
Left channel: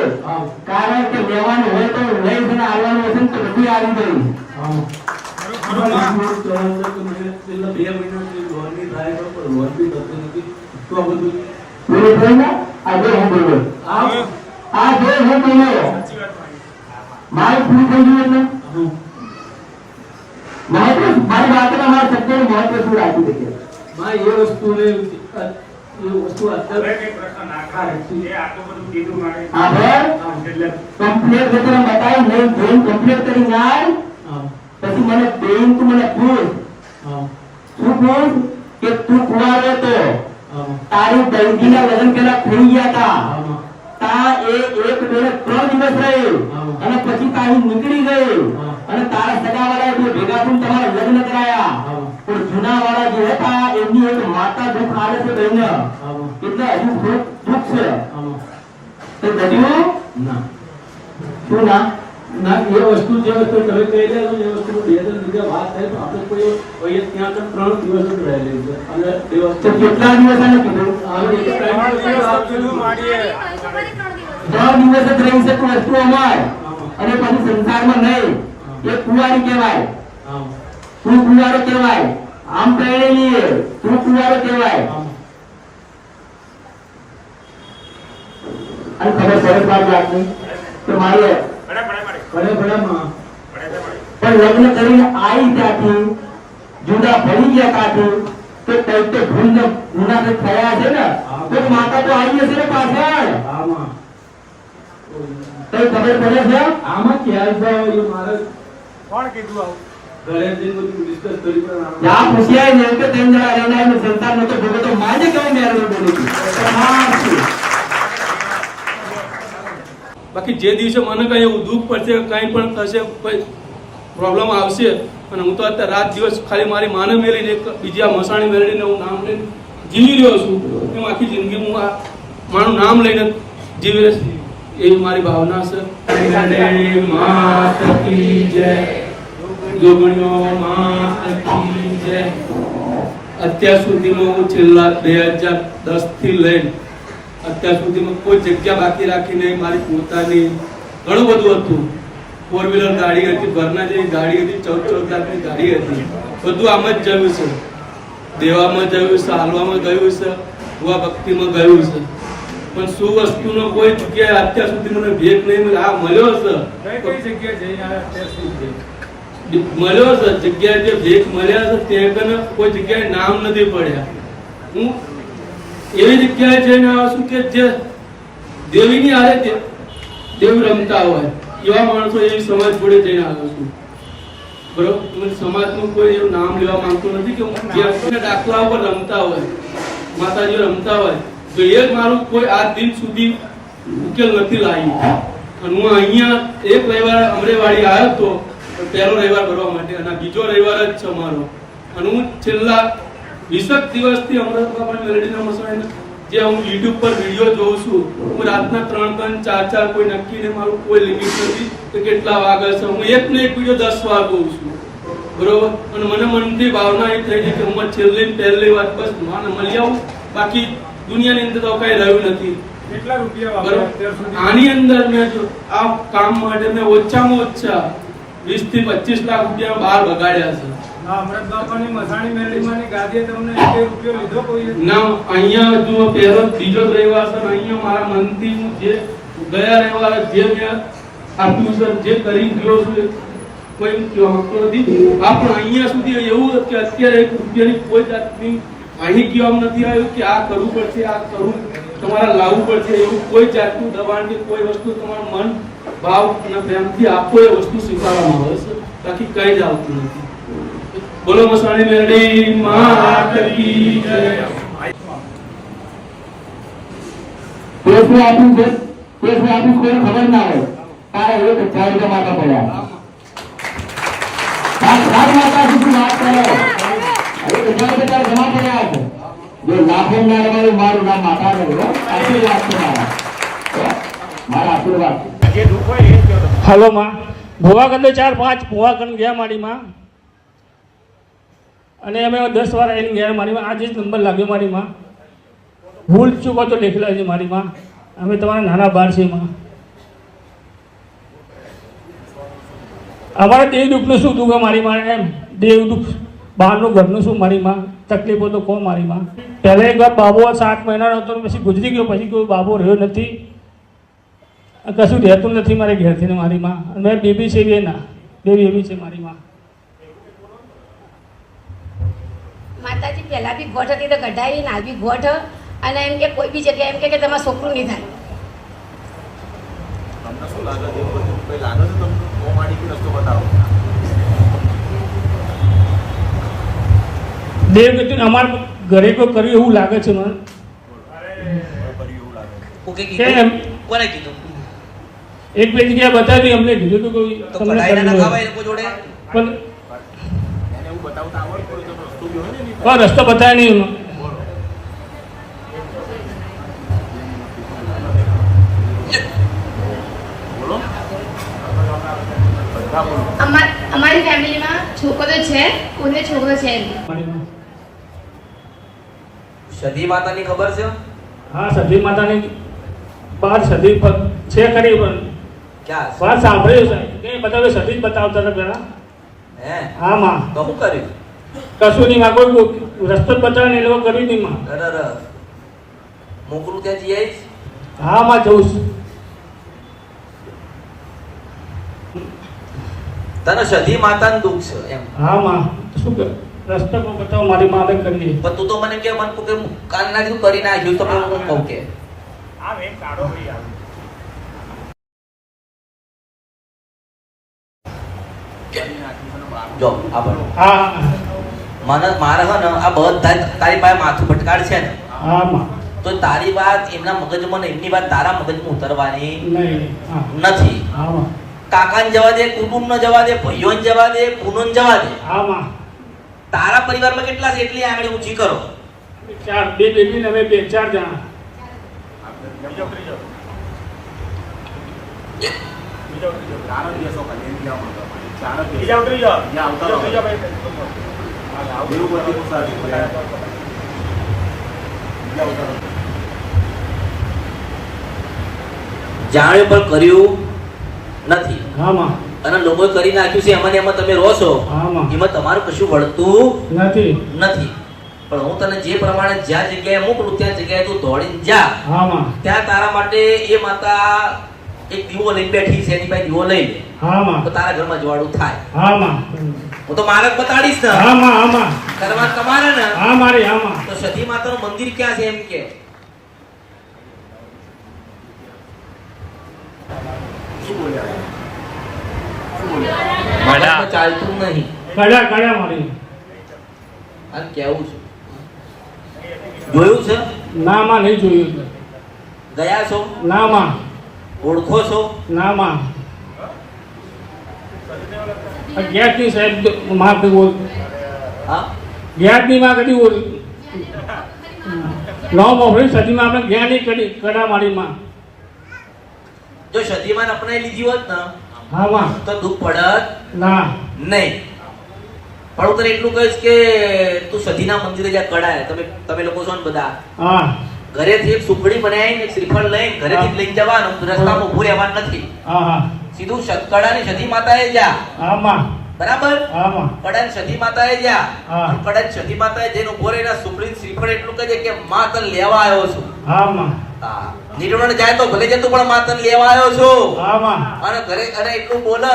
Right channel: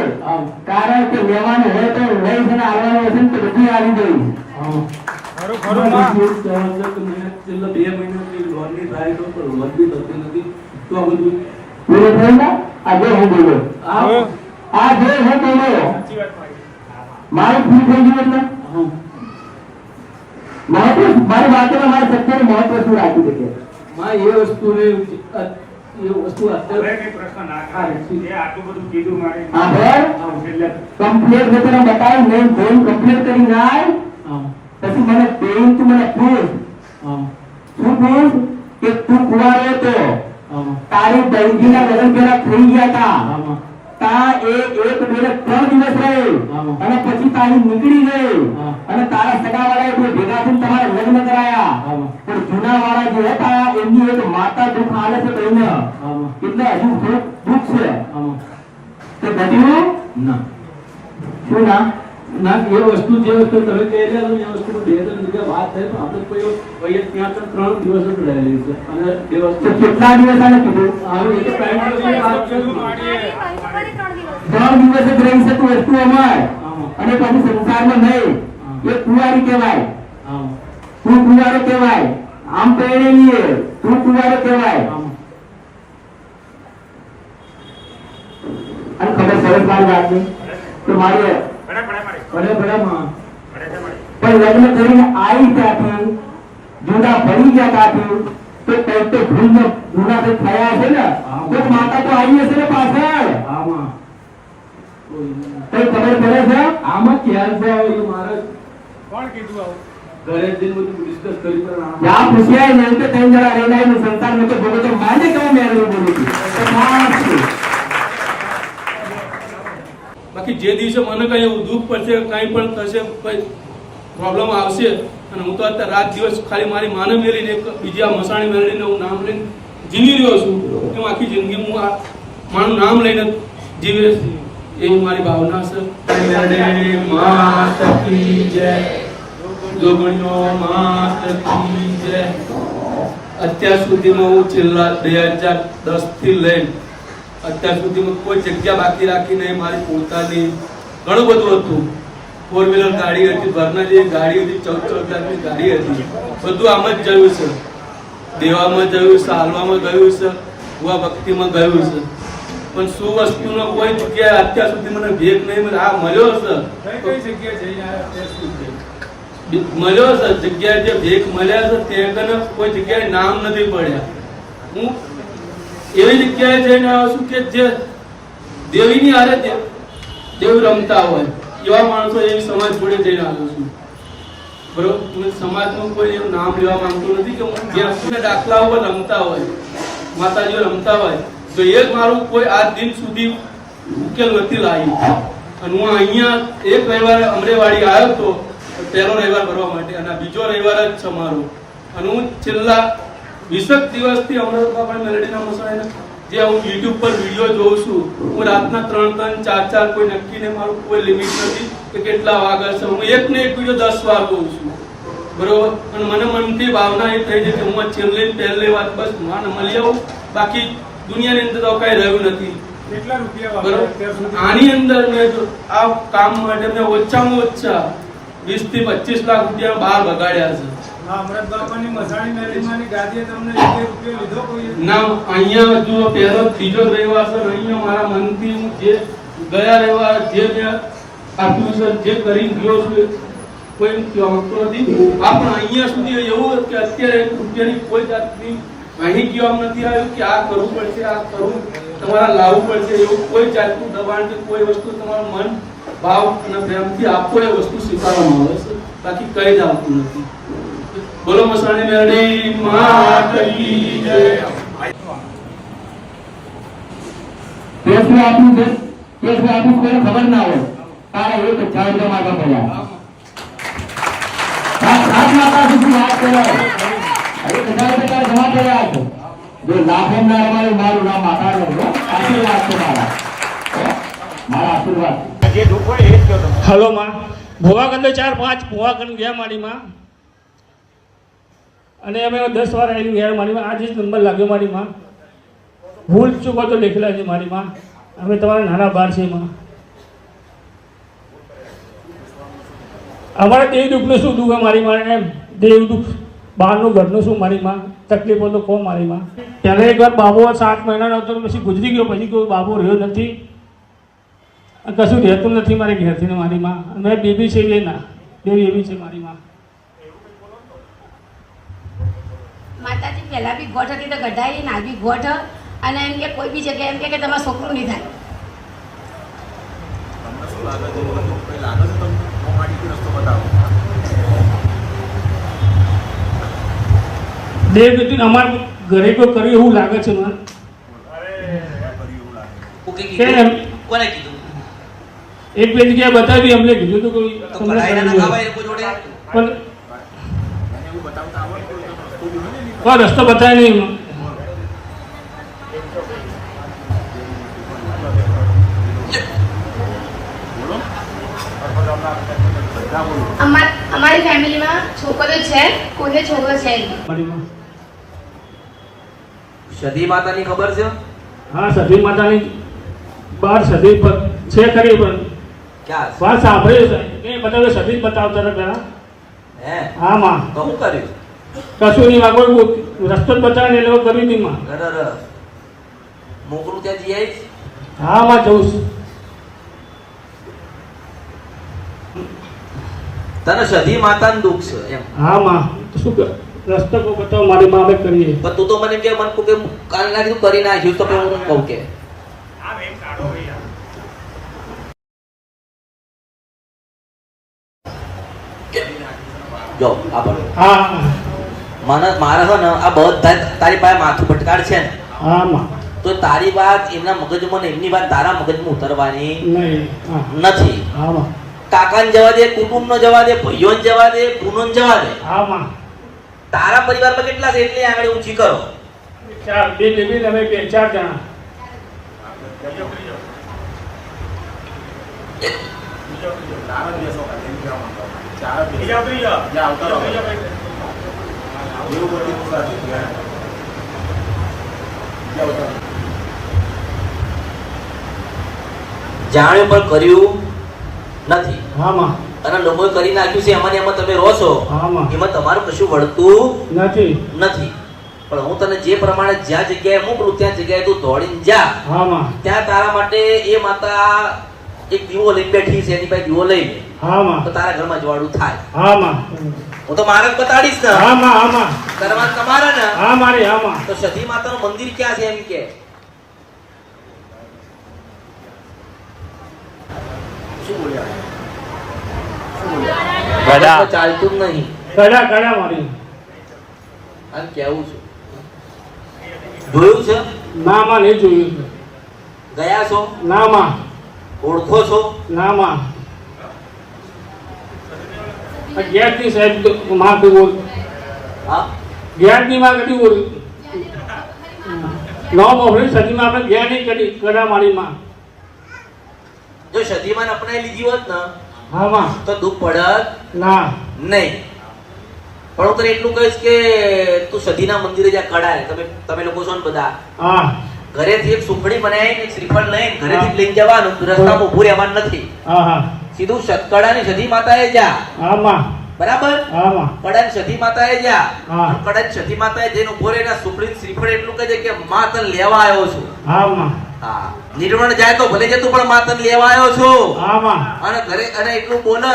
કારણ કે લેવાનું હોય તો લઈ જઈને આવવાનું હશે ને તો બધું આવી ગયું છેલ્લા 2 મહિનાથી લોન ની થાય તો લોન બી થતી નથી તો આ બધું પૂરું થયું ને આજે હું બોલ્યો આ જે હું બોલ્યો મારું પૂરું થઈ ગયું એટલે મારી વાતને મારા સત્યનું મહત્વ શું રાખી શકે માં એ વસ્તુને એ વસ્તુ અત્યારે આભાર કમ્પ્લીટ જે તને બતાવી નહીં જેમ કમ્પ્લીટ કરી જાય પછી મને બેન તું મને પૂછ શું પૂછ કે તું કુંવારો હતો તારી દંગીના લગ્ન પેલા થઈ ગયા હતા તા એ એક ડોલે 3 દિવસ રહી અને પછી તારી નીકળી ગઈ અને તારા સગાવાળાએ બે ભેગા થઈને તમારા લગ્ન કરાયા પણ જૂનાવાળા જે હતા એમની એક માતા દુઃખ આવે છે બહેન એટલે હજુ થોડું દુઃખ છે તો બધું ના શું ના ના એ વસ્તુ જે વસ્તુ તમે કહી રહ્યા છો એ વસ્તુ બે ત્રણ જગ્યા વાત થાય તો આપણે કોઈ ત્યાં તો 3 દિવસ જ રહેલી છે અને એ તો વસ્તુ કેટલા દિવસ આને કીધું આનો એક ટાઈમ તો છે વાત છે 3 દિવસ જ રહી શકે વસ્તુ અમાર અને પછી સંસારમાં નહીં એ કુંવારી કહેવાય તું કુંવારો કહેવાય આમ પહેરેલી તું કુંવારો કહેવાય અને ખબર સરસ વાત લાગશે કે મારે પડે માં પણ લગ્ન કરીને આવી ત્યાંથી જુદા ભરી ગયા ત્યાંથી તો કઈ તો ભૂલ ગુના તો થયા છે ને તો માતા તો આવી હશે ને પાછળ આમાં કઈ ખબર પડે છે આમાં ક્યારે જાવ એ મારે કોણ કીધું આવું? ઘરે જઈને બધું ડિસ્કસ કરી પણ યા પૂછ્યા ને કે ત્રણ જણા રહેનાર સંસાર નો તો બોલો તો માને કઈ મેળવે બોલું બાકી જે દિવસે મને કઈ એવું દુઃખ પડશે કાંઈ પણ થશે કોઈ પ્રોબ્લેમ આવશે અને હું તો અત્યારે રાત દિવસ ખાલી મારી માને મેળીને એક બીજી આ મસાણી મેળવીને હું નામ લઈને જીવી રહ્યો છું હું આખી જિંદગી હું આ મારું નામ લઈને જીવી રહીશ એવી મારી ભાવના છે અત્યાર સુધીમાં હું છેલ્લા 2010 થી લઈને અત્યાર સુધીમાં કોઈ જગ્યા બાકી રાખી નહીં મારી પોતાની ઘણું બધું હતું 4 વ્હીલર ગાડી હતી ઘરના જે ગાડી હતી 14 લાખની ગાડી હતી બધું આમ જ ગયું છે દેવામાં ગયું છે હાલવામાં ગયું છે ભુવા ભક્તિમાં ગયું છે પણ શું વસ્તુનો કોઈ જગ્યાએ અત્યાર સુધી મને ભેગ નહીં મળ્યો આ મળ્યો છે કઈ જગ્યાએ જઈને આવ્યા અત્યાર સુધી? મળ્યો છે જગ્યાએ જે ભેગ મળ્યા છે તે કને કોઈ જગ્યાએ નામ નથી પડ્યા હું એવી જગ્યાએ જઈને આવ્યો છું કે જે દેવીની હારે દેવી રમતા હોય એવા માણસો એવી સમાજ જોડે જઈને આવ્યો છું બરોબર હું સમાજનું કોઈ એવું નામ લેવા માંગતો નથી કે હું જે દાખલા ઉપર રમતા હોય માતાજીઓ રમતા હોય તો એ મારું કોઈ આજ દિન સુધી ઉકેલ નથી લાવ્યું અને હું અહીંયા એક રવિવાર અમરેવાડી આવ્યો હતો પહેલો રવિવાર ભરવા માટે અને બીજો રવિવાર જ છે મારો અને હું છેલ્લા 20 દિવસથી અમૃતબાપા મેલડીના મસાઈના જે હું YouTube પર વિડીયો જોઉં છું હું રાતના 3 4 કોઈ નક્કી નહીં મારું કોઈ લિમિટ નથી કે કેટલા વાગે છે હું એક ને એક વિડીયો 10 વાર જોઉં છું બરોબર અને મને મનથી ભાવના એ થઈ છે કે હું પહેલી વાત બસ મને મળી આવું બાકી દુનિયાની અંદર તો કઈ રહ્યું નથી કેટલા રૂપિયા બરોબર વાપર્યા અત્યાર સુધી? આની અંદર મેં જો આ કામ માટે મેં ઓછામાં ઓછા 20 થી 25 લાખ રૂપિયા બહાર બગાડ્યા છે હા, અમૃતબાપાની મસાણી મેલડીમાંની ગાદીએ તમને 1 રૂપિયો લીધો કોઈ? ના અહીંયા જો પહેલો ત્રીજો રવિવાર છે ને અહીંયા મારા મનથી હું જે ગયા રવિવારે જે મેં આપ્યું છે જે કરી ગયો છું કોઈ કહેતો નથી આ પણ અહીંયા સુધી એવું કે અત્યારે 1 રૂપિયાની કોઈ જાતની અહીં કહેવામાં નથી આવ્યું કે આ કરવું પડશે આ કરવું તમારે લાવવું પડશે એવું કોઈ જાતનું દબાણ કે કોઈ વસ્તુ તમારું મન ભાવ અને પ્રેમથી આપો એ વસ્તુ સ્વીકારવામાં આવે છે બાકી કઈ જ આવતું નથી બોલો મસાણી મેલડી માત કી જય કેસમાં આપ્યું છે કેસમાં આપ્યું કોઈને ખબર ના હોય તારા 1000 રૂપિયા માથા પડ્યા સાત માતા સુધી વાત કરો 1000 રૂપિયા જમા પડ્યા છે જો લાભો ના મળે મારું નામ માતા રહે આશીર્વાદ છે મારા આશીર્વાદ હલો માં ભુવા કંદો 4-5 ભુવા કંદ ગયા મારીમાં અને અમે 10 વાર આવીને ગયા મારીમાં આજે જ નંબર લાગ્યો મારીમાં ભૂલ ચૂકો તો લખેલા છે મારીમાં અમે તમારા નાના બાર છે એમાં અમારા દેવ દુઃખનું શું દુઃખ મારીમાં એમ દેવ દુઃખ બહારનું ઘરનું શું મારીમાં તકલીફો તો કહો મારીમાં પહેલા એક વાર બાબો 7 મહિનાનો હતો પછી ગુજરી ગયો પછી કોઈ બાબો રહ્યો નથી કશું રહેતું નથી મારે ઘેરથી મારી માં અને બેબી છે એ ના બેબી એવી છે મારી માં માતાજી પહેલા બી ગોઠ હતી તો ગઢાઈ ના બી ગોઠ અને એમ કે કોઈ બી જગ્યાએ એમ કે તમારે છોકરું નહીં થાય દેવ ગતિ અમારા ઘરે કોઈ કર્યું એવું લાગે છે મને કે કોને કીધું? એક બે જગ્યાએ બતાવી અમને કીધું હતું કોઈ તો કઢાઈને ના ખવાય એ લોકો જોડે? પણ રસ્તો બતાવે નહીં એમાં. અમારી ફેમિલીમાં છોકરો છે, કોઈને છોકરો છે નહીં. સતી માતાની ખબર છે? હા, સતી માતાની બાર સતી છે ખરી, પણ ક્યાં? વાત સાંભળી છે એ બધા સતી જ બતાવતા હતા પેલા. હે? હા માં, તો શું કર્યું? કશું નહીં માં, કોઈ રસ્તો જ બતાવે ને એ લોકો કર્યું નહીં માં. અરે મોકલું ત્યાં જઈ આવીશ. હા માં, જવું છું. તને સતી માતાનું દુઃખ છે એમ? હા માં, શું કર રસ્તો કોઈ બતાવો, મારી માં અમે કરીએ. પણ તું તો મને કે મને કે કાલ ના કીધું કરી નાખ્યું, તો પેલું હું કહું કે જો આપણે હા મને મારે હે ને આ બધા તારી પાસે માથું ભટકાડ છે ને, હા માં, તો તારી વાત એમના મગજમાં ને એમની વાત તારા મગજમાં ઉતરવાની નહીં. હા નથી. હા માં, કાકાને જવા દે, કુટુંબને જવા દે, ભાઈઓને જવા દે, પૂનોને જવા દે. હા માં, તારા પરિવારમાં કેટલા છે એટલી આંગળી ઊંચી કરો. ચાર બે ટીવી ને અમે 4 જણા. જાણ્યું પણ કર્યું નથી, હા માં, અને લોકોએ કરી નાખ્યું છે એમાં ને એમાં તમે રહો છો, હા માં, એમાં તમારું કશું વળતું નથી. નથી. પણ હું તને જે પ્રમાણે જ્યાં જગ્યાએ મોકલું ત્યાં જગ્યાએ તું દોડીને જા. હા માં, ત્યાં તારા માટે એ માતા એક દીવો લઈને બેઠી છે, એની પાસે દીવો લઈ લે હા માં, તો તારા ઘરમાં જવાડું થાય. હા માં, હું તો માર્ગ બતાડીશ ને. હા માં, હા માં, કરવા તમારે ને હા મારી, હા માં. તો સતી માતાનું મંદિર ક્યાં છે એમ કે ચાલતું નહીં. કડા મારી. આ કેવું છે? જોયું છે? ના માં, નહીં જોયું. ગયા છો? ના માં, ઓળખો છો? ના માં. ગેસની સાહેબ માં કીધું, હા? ગેસની માં કીધું નો મોકલી સજીમાં આપણે ગયા નહીં કરી કડા મારી માં. જો સતીમાન અપનાવી લીધી હોત ને હા માં, તો દુઃખ પડત ના. નહીં. પણ હું તને એટલું કહીશ કે તું સતીના મંદિરે જ્યાં કડાય, તમે લોકો છો ને બધા, હા ઘરેથી એક સુખડી બનાવી ને શ્રીફળ લઈને ઘરેથી લઈને જવાનું, રસ્તામાં ઊભું રહેવાનું નથી. હા હા, સીધું કડાની સતી માતાએ જા. હા માં, બરાબર? હા માં, કડાની સતી માતાએ જા. હા. કડાની સતી માતાએ જઈને ઊભો રહીને સુખડી શ્રીફળ એટલું કહે છે કે માં તને લેવા આવ્યો છું. હા માં, હા. નિર્મળ જાય તો ભલે જતું, પણ માં તને લેવા આવ્યો છું. હા માં, અને ઘરે અને એટલું બોલે,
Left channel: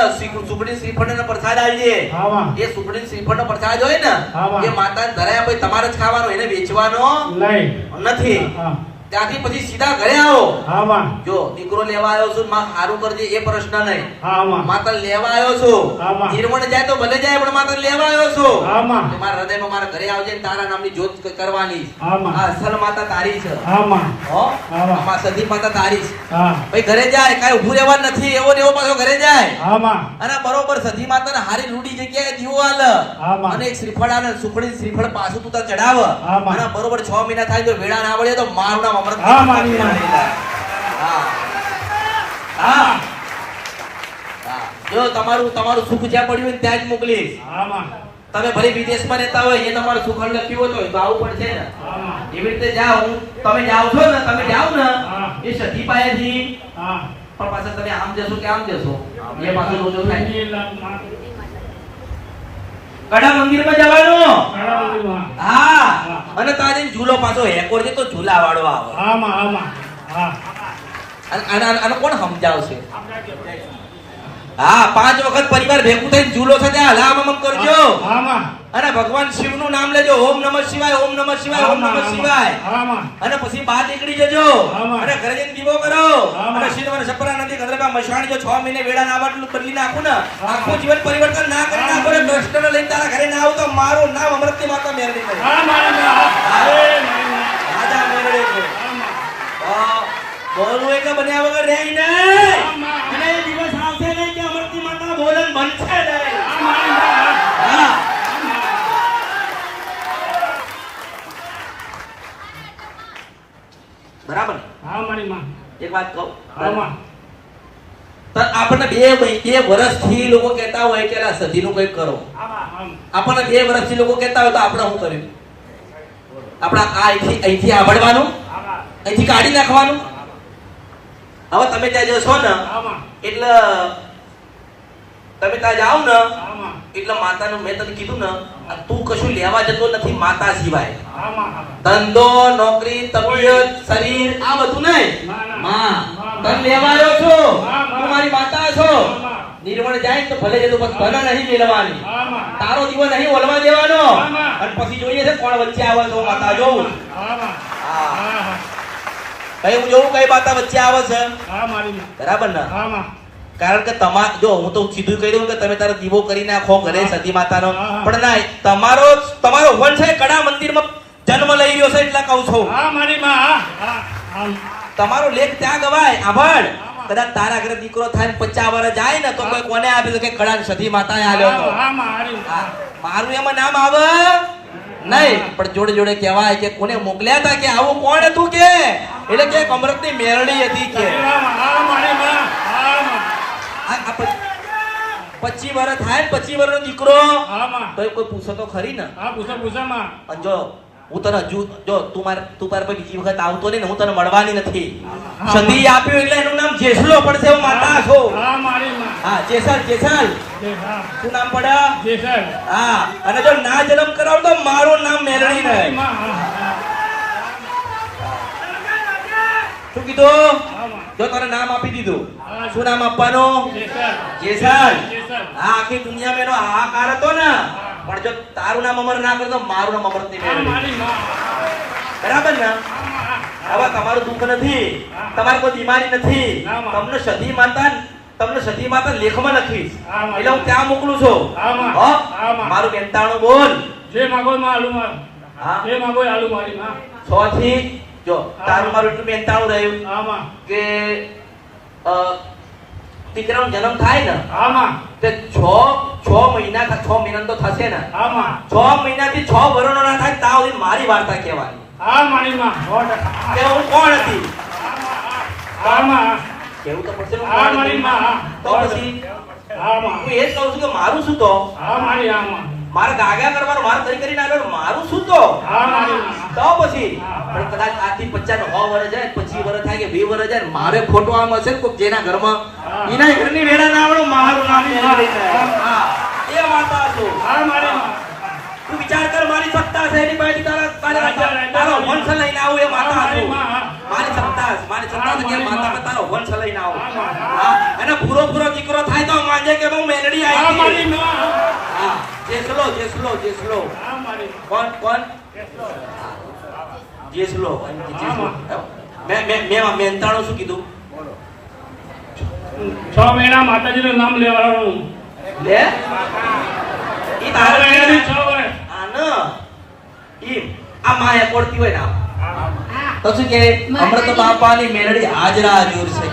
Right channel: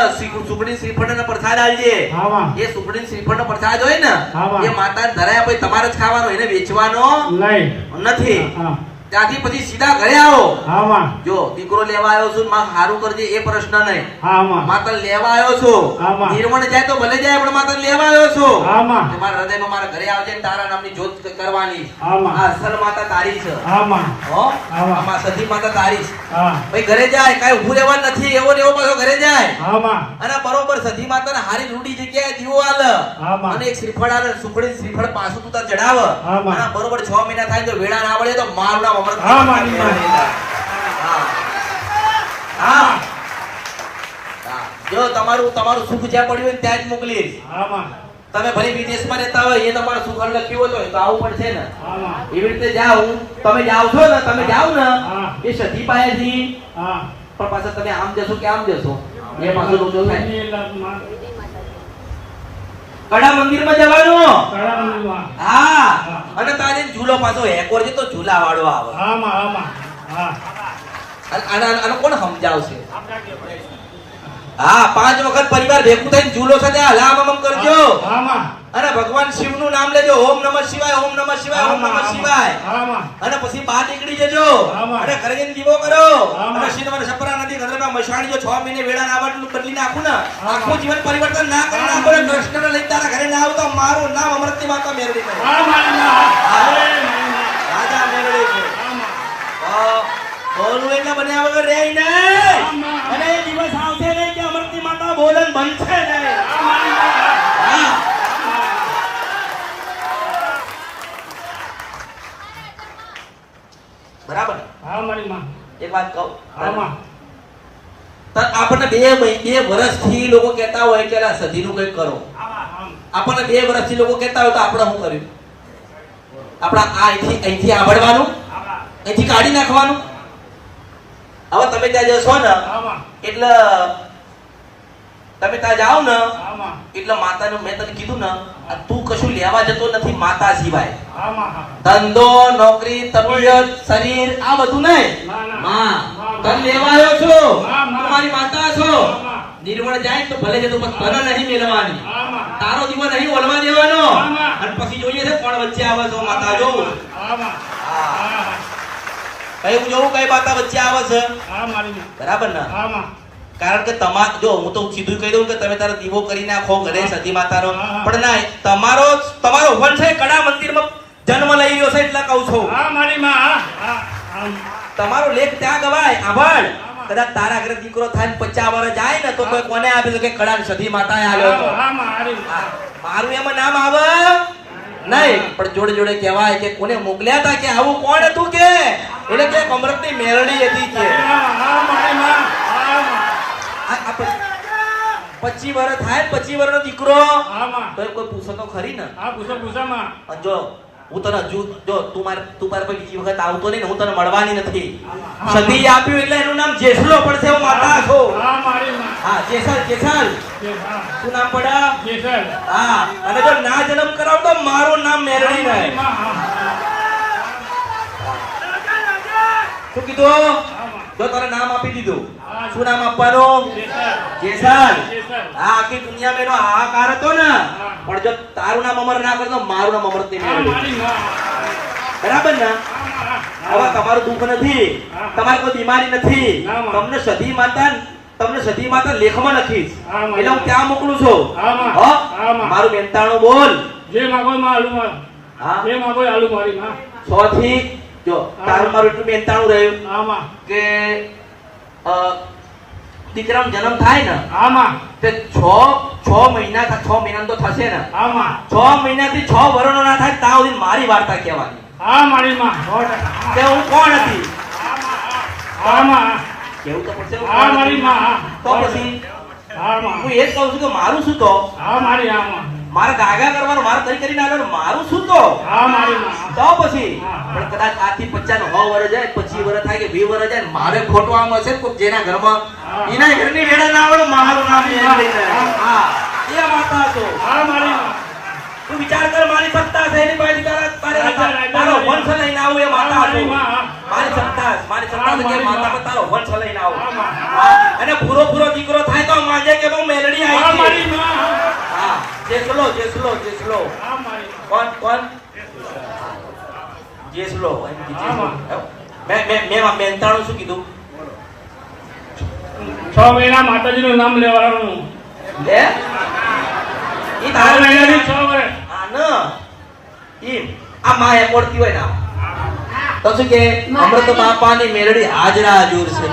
સુખડી શ્રીફળ ને પ્રસાદ આલજે. હા માં, એ સુખડી શ્રીફળ નો પ્રસાદ હોય ને, હા. એ માતાને ધરાયા પછી તમારે જ ખાવાનો, એને વેચવાનો નહીં. નથી. હા, ત્યાંથી પછી સીધા ઘરે આવો. હા માં, જો દીકરો લેવા આવ્યો છું, માં સારું કરજે એ પ્રશ્ન નહીં. હા માં, માતા લેવા આવ્યો છું. હા. નિર્મળ જાય તો ભલે જાય, પણ માતા લેવા આવ્યો છું. હા માં, કે મારા હૃદયમાં મારા ઘરે આવજે ને તારા નામની જ્યોત કરવાની. હા માં, આ અસલ માતા તારી છે. હા માં, હો? હા. આ સતી માતા તારી છે. હા, ભાઈ ઘરે જાય, કાંઈ ઊભું રહેવાનું નથી, એવો ને એવો પાછો ઘરે જાય. હા માં, અને બરોબર સતી માતાને હારી લૂંટી જગ્યાએ દીવો આલ, હા માં. અને એક શ્રીફળ આલે, સુખડી શ્રીફળ પાછું તું ત્યાં ચડાવ. હા માં. અને બરોબર 6 મહિના થાય તો વેળા ના આવડે તો માવડા અમૃત. હા માની. હા. હા. જો તમારું સુખ જ્યાં પડ્યું હોય ને ત્યાં જ મોકલીશ. હા માં, તમે ભલે વિદેશમાં રહેતા હોય, એ તમારું સુખ લખ્યું હોય તો આવું પડશે ને. હા માં, એવી રીતે જાઓ, તમે જાઓ છો ને, તમે જાઓ ને હા. એ સતી પાસેથી, હા. પણ પાછા તમે આમ જશો કે આમ જશો, એ પાછું બધું થાય. કડા મંદિરમાં જવાનું. હા. અને તારે ઝૂલો પાછો હેકોર છે તો ઝૂલા વાળો આવે. હા માં, હા માં, હા. આનું કોણ સમજાવશે? હા, 5 વખત પરિવાર ભેગું થઈને ઝૂલો સાથે હલામમ કરજો. હા માં, અને ભગવાન શિવનું નામ લેજો. ઓમ નમઃ શિવાય, ઓમ નમઃ શિવાય, ઓમ નમઃ શિવાય. હા માં, અને પછી બહાર નીકળી જજો. આમાં. અને ઘરે જઈને દીવો કરો. આમાં. અને શિવ અને સપરા નદી ગંગા મશાણી જો 6 મહિને વેળા ના વાટલું બદલી નાખું ને, આખું જીવન પરિવર્તન ના કરી નાખો ને, ડોક્ટર લઈને તારા ઘરે ના આવું તો મારું નામ અમૃતની માતા મેળવી કરશે. હા માં, રાજા મેળવે છે. બોલવું એટલે બન્યા વગર બરાબર ને? હા મારી માં એક વાત કહું, હા માં તો આપણને બે વર્ષથી લોકો કહેતા હોય કે લા સધીનું કંઈક કરો. આપણને 2 વર્ષથી લોકો કહેતા હોય તો આપણે શું કર્યું? આપણા અહીંથી આવડવાનું, અહીંથી કાઢી નાખવાનું. હવે તમે ત્યાં જશો ને એટલે તમે ત્યાં જાઓ ને એટલે માતાનું મેં તને કીધું ને તું કશું લેવા જતો નથી માતા સિવાય. ધંધો, નોકરી, તબિયત, શરીર આ બધું નહીં. હા તને લેવા આવ્યો છો, તું મારી માતા છો. નિર્વણ જાય તો ભલે જતો પણ તને નહીં મેળવાની. તારો દીવો નહીં ઓલવા દેવાનો. અને પછી જોઈએ છે કોણ વચ્ચે આવે તો માતા જોઉં. કઈ હું જોઉં કઈ માતા વચ્ચે આવે છે. બરાબર ને? કારણ કે જો હું તો સીધું કહી દઉં કે તમે તારો દીવો કરી નાખો ઘરે સતી માતાનો, પણ ના, તમારો વંશ છે કડા મંદિરમાં જન્મ લઈ રહ્યો છે એટલે કહું છું. તમારો લેખ ત્યાં ગવાય. આભાર. કદાચ તારા ઘરે દીકરો થાય 50 વર્ષ જાય ને તો કોઈ કોને આપે તો કે કડા સતી માતાએ આવ્યો હતો. મારું એમાં નામ આવે નહીં, પણ જોડે જોડે કહેવાય કે કોને મોકલ્યા હતા કે આવું કોણ હતું કે એટલે કે અમૃતની મેલડી હતી કે 25 વર્ષ થાય 25 વર્ષનો દીકરો તો કોઈ પૂછો તો ખરી ને. જો હું તને હજુ જો તું પર કોઈ બીજી વખત આવતો નહીં ને હું તને મળવાની નથી. સતી આપ્યું એટલે એનું નામ જેસલો પડશે. હું માતા છું. હા જેસલ. શું નામ પડે? હા. અને જો ના જન્મ કરાવ તો મારું નામ મેરડી રહે. શું કીધું? જો તને નામ આપી દીધું, શું નામ આપવાનું? જેસલ. હા આખી દુનિયામાં એનો હાહાકાર હતો ને, પણ જો તારું નામ અમર ના કરે તો મારું નામ અમર નહીં. બરાબર ને? હવે તમારું દુઃખ નથી, તમારે કોઈ બીમારી નથી. તમને સતી માતા લેખમાં લખીશ એટલે હું ત્યાં મોકલું છું. મારું બેનતાણું બોલ. જે માગો માં આલુ માં. હા જે માગો આલુ મારી માં. 100 થી જો તારું મારું એટલું બેનતાણું રહ્યું કે દીકરાનો જન્મ થાય ને તે 6 મહિના તો થશે ને. 6 મહિનાથી 6 વર્ષનો ના થાય ત્યાં સુધી મારી વાર્તા કહેવાની. કે હું કોણ હતી કેવું તો પછી તો પછી હું એ જ કહું છું કે મારું શું તો મારા ગાગા કરવાનો, મારા કરી નાખવાનો, મારું શું તો પછી પણ કદાચ આથી 50 ને 100 વર્ષ જાય, 25 વર્ષ થાય કે 20 વર્ષ જાય, મારે ખોટું આમ હશે કોઈ જેના ઘરમાં એના ઘરની વેડા ના આવડે મારું નામ યાદ લઈને. હા એ માતા છું. તું વિચાર કર મારી સત્તા છે એની પાસે તારો વંશ લઈને આવું એ માતા છું. મારી સત્તા કે માતા તારો વંશ લઈને આવું. અને પૂરો દીકરો થાય તો માજે કે બહુ મેલડી આવી. હા જેસલો કોણ જેસલો. મેં મેનતાણું શું કીધું? 6 મહિના માતાજીનું નામ લેવાનું. લે ઈ તારે 6 વર્ષ આના ઈ આ માં એકોડતી હોય ના તો શું કે અમૃત બાપાની મેરડી હાજરા હજુર છે.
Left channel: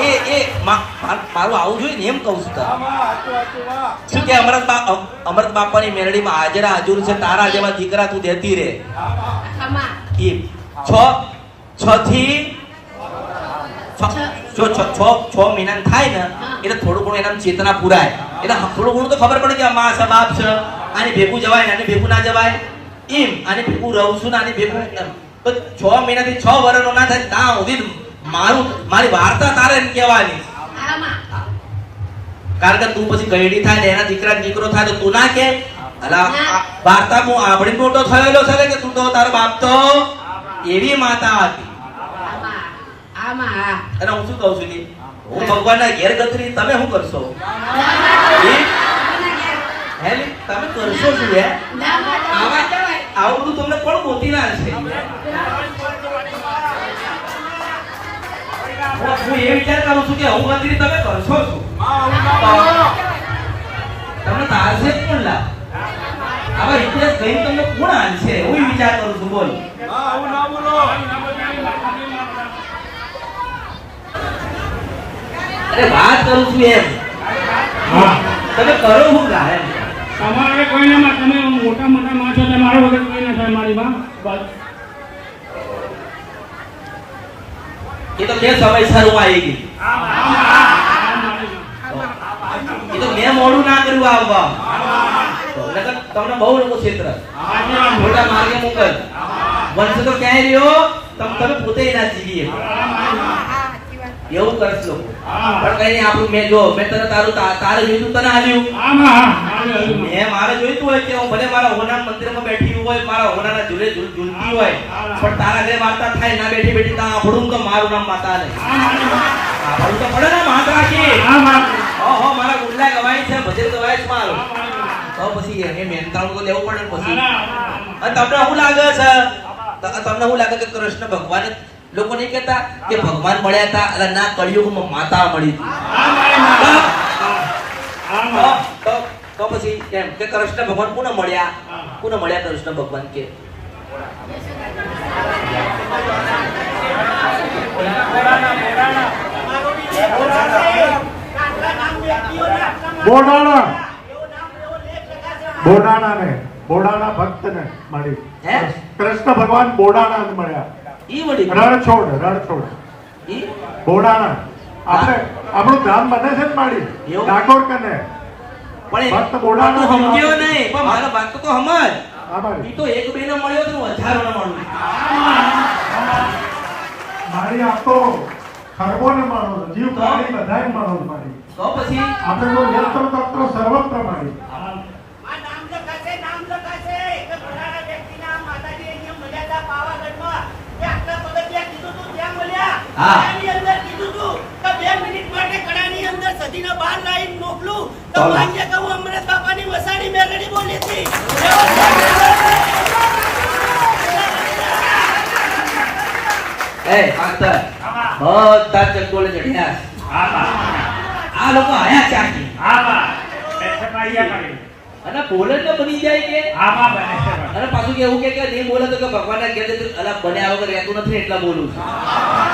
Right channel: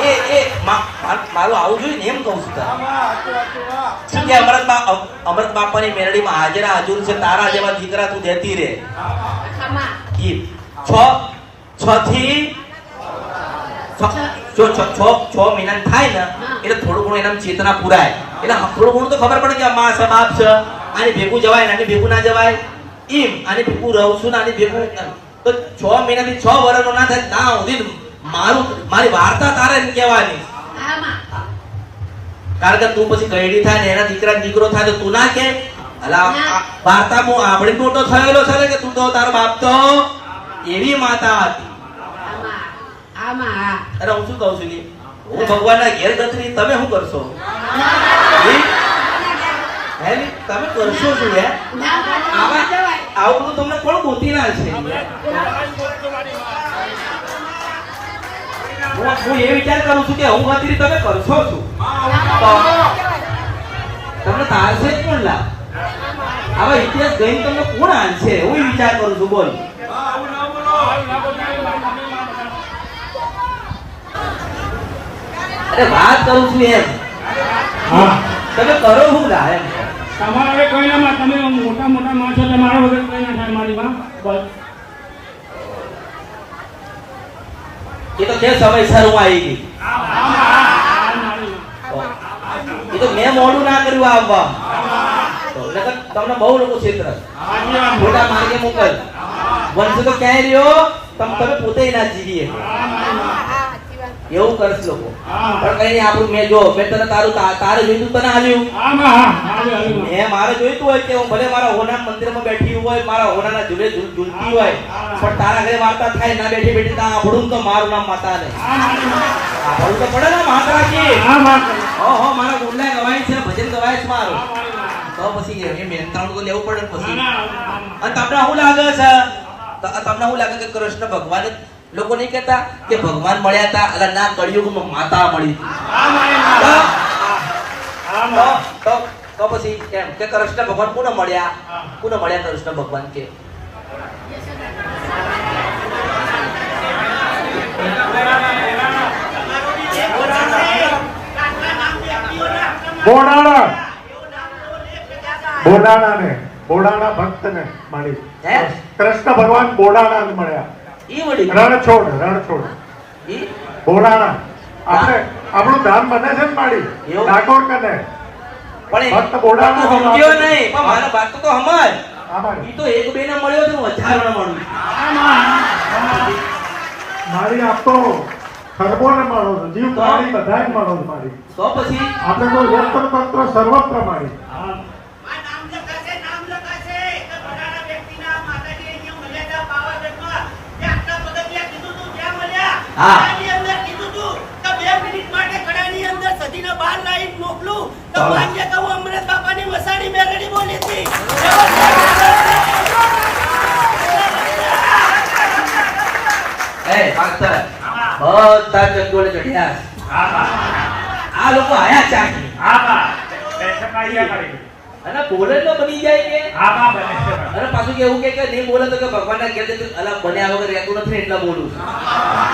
એ મારું આવું જોઈએ ને એમ કહું છું. શું કે અમૃત બાપાની મેરડીમાં હાજરા હજુર છે. તારા જેવા દીકરા તું દેતી રે. એ 6 થી 6 મહિના થાય ને એટલે થોડું ઘણું એના ચેતના પુરાય. એટલે થોડું ઘણું તો ખબર પડે કે આ માં છે બાપ છે, આની ભેગું જવાય ને આની ભેગું ના જવાય. એમ આની ભેગું રહું છું ને આની ભેગું તો 6 મહિનાથી 6 વર્ષનો ના થાય ત્યાં સુધી મારી વાર્તા તારે એમ કહેવાની. કારણ કે તું પછી ગયડી થાય ને એના દીકરો થાય તો તું ના કે વાર્તા હું આપણી મોટો થયેલો છે કે તું તો તારો બાપ તો એવી માતા હતી. અરે હું શું કહું છું હું ભગવાનના ઘેર ગતરી તમે શું કરશો? તમે કરશો શું? હે આવું તમને કોણ ગોતી ના છે? હું એ વિચાર કરું છું કે હું ગતરી તમે કરશો છું. તમને તારશે જ કોણ લાભ? આવા ઇતિહાસ ગઈને તમને કોણ આનશે? હું વિચાર કરું છું. બોલ અરે વાત કરું છું એમ. તમે કરો શું લાવે? તમારે કોઈ ના તમે મોટા માણસો તમારો વગર કઈ ના થાય મારી માં. બસ એ તો મેં સમયસર હું આવી ગઈ એ તો મેં મોડું ના કર્યું આવવા નકર તમને બહુ લોકો ક્ષેત્ર મોટા માર્ગે મોકલ વંશ તો ક્યાંય રહ્યો તમે પોતે ના જીવીએ એવું કરશ લોકો પણ કઈ નહીં આપણું મેં જો મેં તને તારે જોઈતું તને આલ્યું મેં મારે જોઈતું હોય કે હું ભલે મારા હોના મંદિરમાં બેઠી હોય મારા હોનાના ઝૂલે ઝૂલતી હોય પણ તારા ઘરે વાર્તા થાય ના બેઠી બેઠી તા આભડું તો મારું નામ માતા ને આભડું તો પડે ને માતા કી મારા ગુંડલા ગવાય છે ભજન ગવાય છે મારો તો પછી એ મેંત્રણ તો લેવું પડે પછી અને તમને શું લાગે છે તમને શું લાગે કે કૃષ્ણ ભગવાન લોકો નહીં કહેતા કે ભગવાન મળ્યા હતા એટલે ના કળિયુગમાં માતા મળી તો પછી કેમ કે કૃષ્ણ ભગવાન કોને મળ્યા કૃષ્ણ ભગવાન કે બોડાણા ભક્તને મળી હે કૃષ્ણ ભગવાન બોડાણા મળ્યા ઈ વળી રણછોડ ઈ બોડાણા આપણે આપણું ધામ બને છે ને માડી એવું? ડાકોર કને પણ ભક્ત બોડાણા તો સમજ્યો નહીં પણ મારા વાત તો હમાય આમાં ઈ તો એક બે ને મળ્યો તો વધારાનો મળ્યો મારી આપ તો ખરબોને મળો જીવ પ્રાણી બધાને મળો મારી તો પછી આપણે તો યંત્ર તંત્ર સર્વત્ર મારી નામ લખાશે કે ભણાના વ્યક્તિના માતાજી અહીંયા મળ્યા હતા પાવાગઢમાં તે આટલા પગથિયા કીધું તું ત્યાં મળ્યા હા. કડાની અંદર કીધું તું તો 2 મિનિટ માટે કડાની અંદર સદીના બહાર લાઈન મોકલું તો ચાલો. ભાગ્ય કહું અમૃત બાપાની વસાડી મેરડી બોલી હતી એ પાછળ બધા ચંદોળે ચઢ્યા આ લોકો આયા ચાકી અને બોલે તો બની જાય કે અને પાછું કેવું કે નહીં બોલે તો કે ભગવાનના ઘેર અલગ બન્યા વગર રહેતું નથી ને એટલા બોલું છું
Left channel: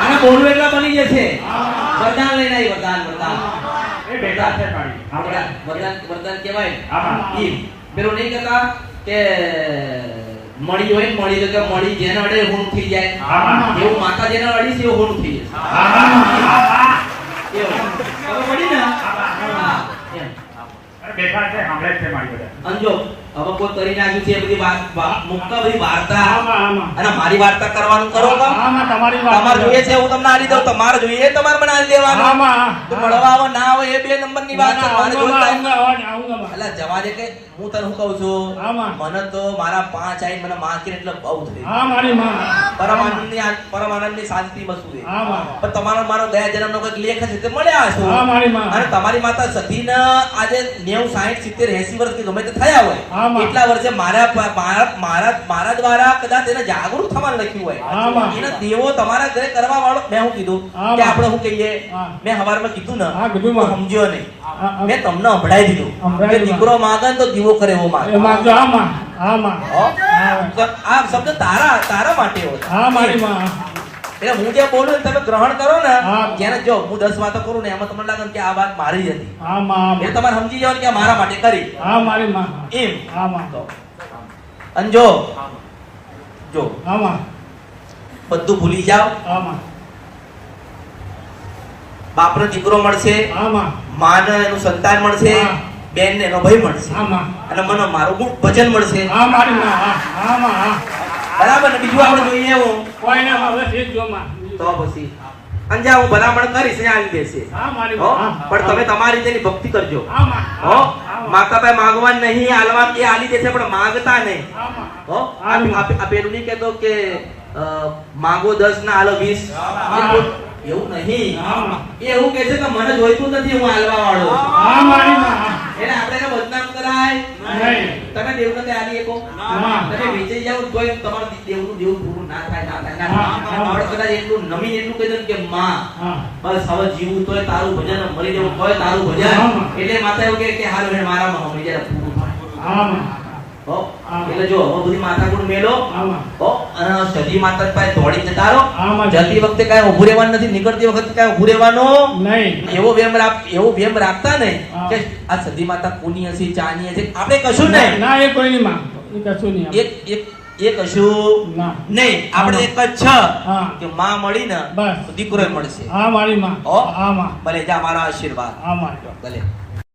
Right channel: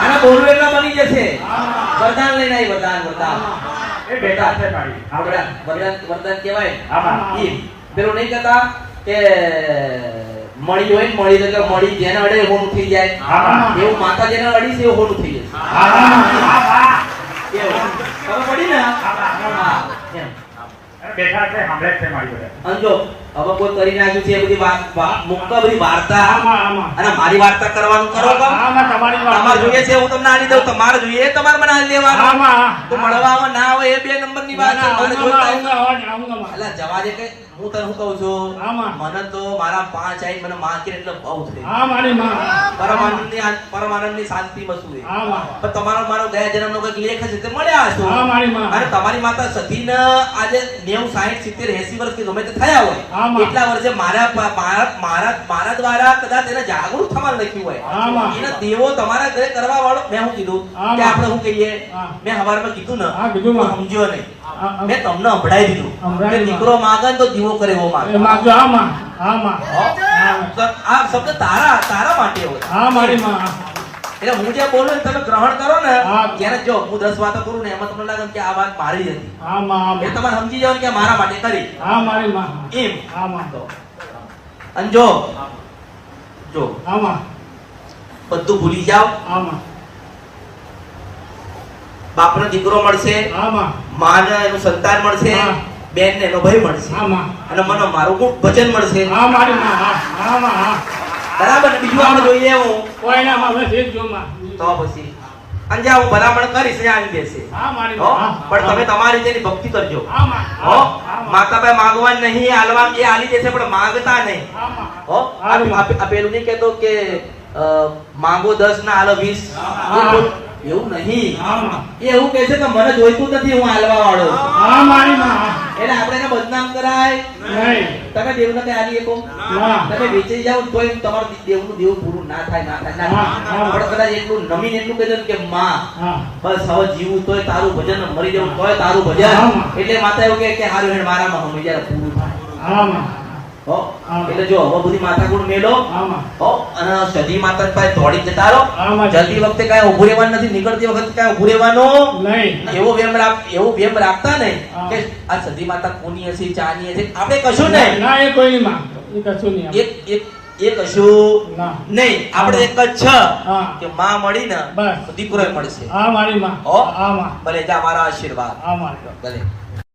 અને બોલવું એટલા બની જશે વરદાન લઈને આવી વરદાન એ બેટા વરદાન કહેવાય ઈ પેલું નહીં કહેતા કે મળી હોય ને મળી તો કે મળી જેને અડે હોનું થઈ જાય એવું માતા જેને અડી છે એવું હોનું થઈ જાય ખબર પડી ને હા એમ અંજો હવે કોઈ કરી નાખ્યું છે એ બધી વાત મુક્ત બધી વાર્તા અને મારી વાર્તા કરવાનું કરો તમારે જોઈએ છે હું તમને આલી દઉં તમારે જોઈએ એ તમારે મને આલી દેવાનું તો મળવા આવે ના આવે એ 2 નંબરની વાત છે મને જોતા એટલે જવાને કે હું તને શું કહું છું મને તો મારા 5 આઈ મને માર્કેટ એટલે બહુ થઈ પરમાનંદની શાંતિ વસ્તુ છે પણ તમારો મારો ગયા જન્મનો કોઈ લેખ છે તે મળ્યા છો અને તમારી માતા સતીને આજે 90 60 70 80 વર્ષથી ગમે તે થયા હોય એટલા વર્ષે મારા દ્વારા કદાચ એને જાગૃત થવાનું લખ્યું હોય એને દેવો તમારા ઘરે કરવા વાળો મેં શું કીધું કે આપણે શું કહીએ મેં હવારમાં કીધું ને સમજ્યો નહીં મેં તમને સંભળાઈ દીધું કે દીકરો માંગે તો દીવો કરે એવો માંગે આ શબ્દ તારા માટે હોય એટલે હું જે બોલું ને તમે ગ્રહણ કરો ને જેને જો હું 10 વાતો કરું ને એમાં તમને લાગે કે આ વાત મારી જ હતી એ તમારે સમજી જાવ કે મારા માટે કરી એમ અને જો બધું ભૂલી જાવ બાપનો દીકરો મળશે માનો એનું સંતાન મળશે બેન ને એનો ભાઈ મળશે અને મને મારું ભજન મળશે બરાબર ને બીજું આપણે જોઈએ હું તો પછી અંજા હું ભલામણ કરીશ ને આવી બેસે પણ તમે તમારી રીતે ભક્તિ કરજો માતા પાસે માંગવા નહીં આલવા એ આલી દેશે પણ માંગતા નહીં પેલું નહીં કેતો કે માંગો 10 ના આલો 20 એવું નહીં એ એવું કહે છે કે મને જોઈતું નથી હું આલવા વાળો એટલે આપણે એને બદનામ કરાય તમે દેવને કે આલી એકો તમે વેચી જાવ તોય તમારું દેવનું દેવ પૂરું ના થાય પણ કદાચ એટલું નમીન એટલું કહી દે કે માં બસ હવે જીવું તોય તારું ભજન મરી જવું તોય તારું ભજન એટલે માતા એવું કે હારું હેડ મારામાં હું જ્યારે પૂરું એટલે જો હવે બધી માતા કોણ મેલો અને સદી માતા પાસે દોડી જતા રહો જતી વખતે કાંઈ ઉભું રહેવાનું નથી નીકળતી વખતે કાંઈ ઉભું રહેવાનું એવો વેમ રાખતા ને કે આ સદી માતા કોની હશે ચાની હશે આપણે કશું નહીં એક એ કશું ના. નહીં. આપણે એક જ છે હા. કે માં મળી ને બસ. તો દીકરો મળશે. હા મારી માં હો? હા માં ભલે જા મારા આશીર્વાદ હા મારી ભલે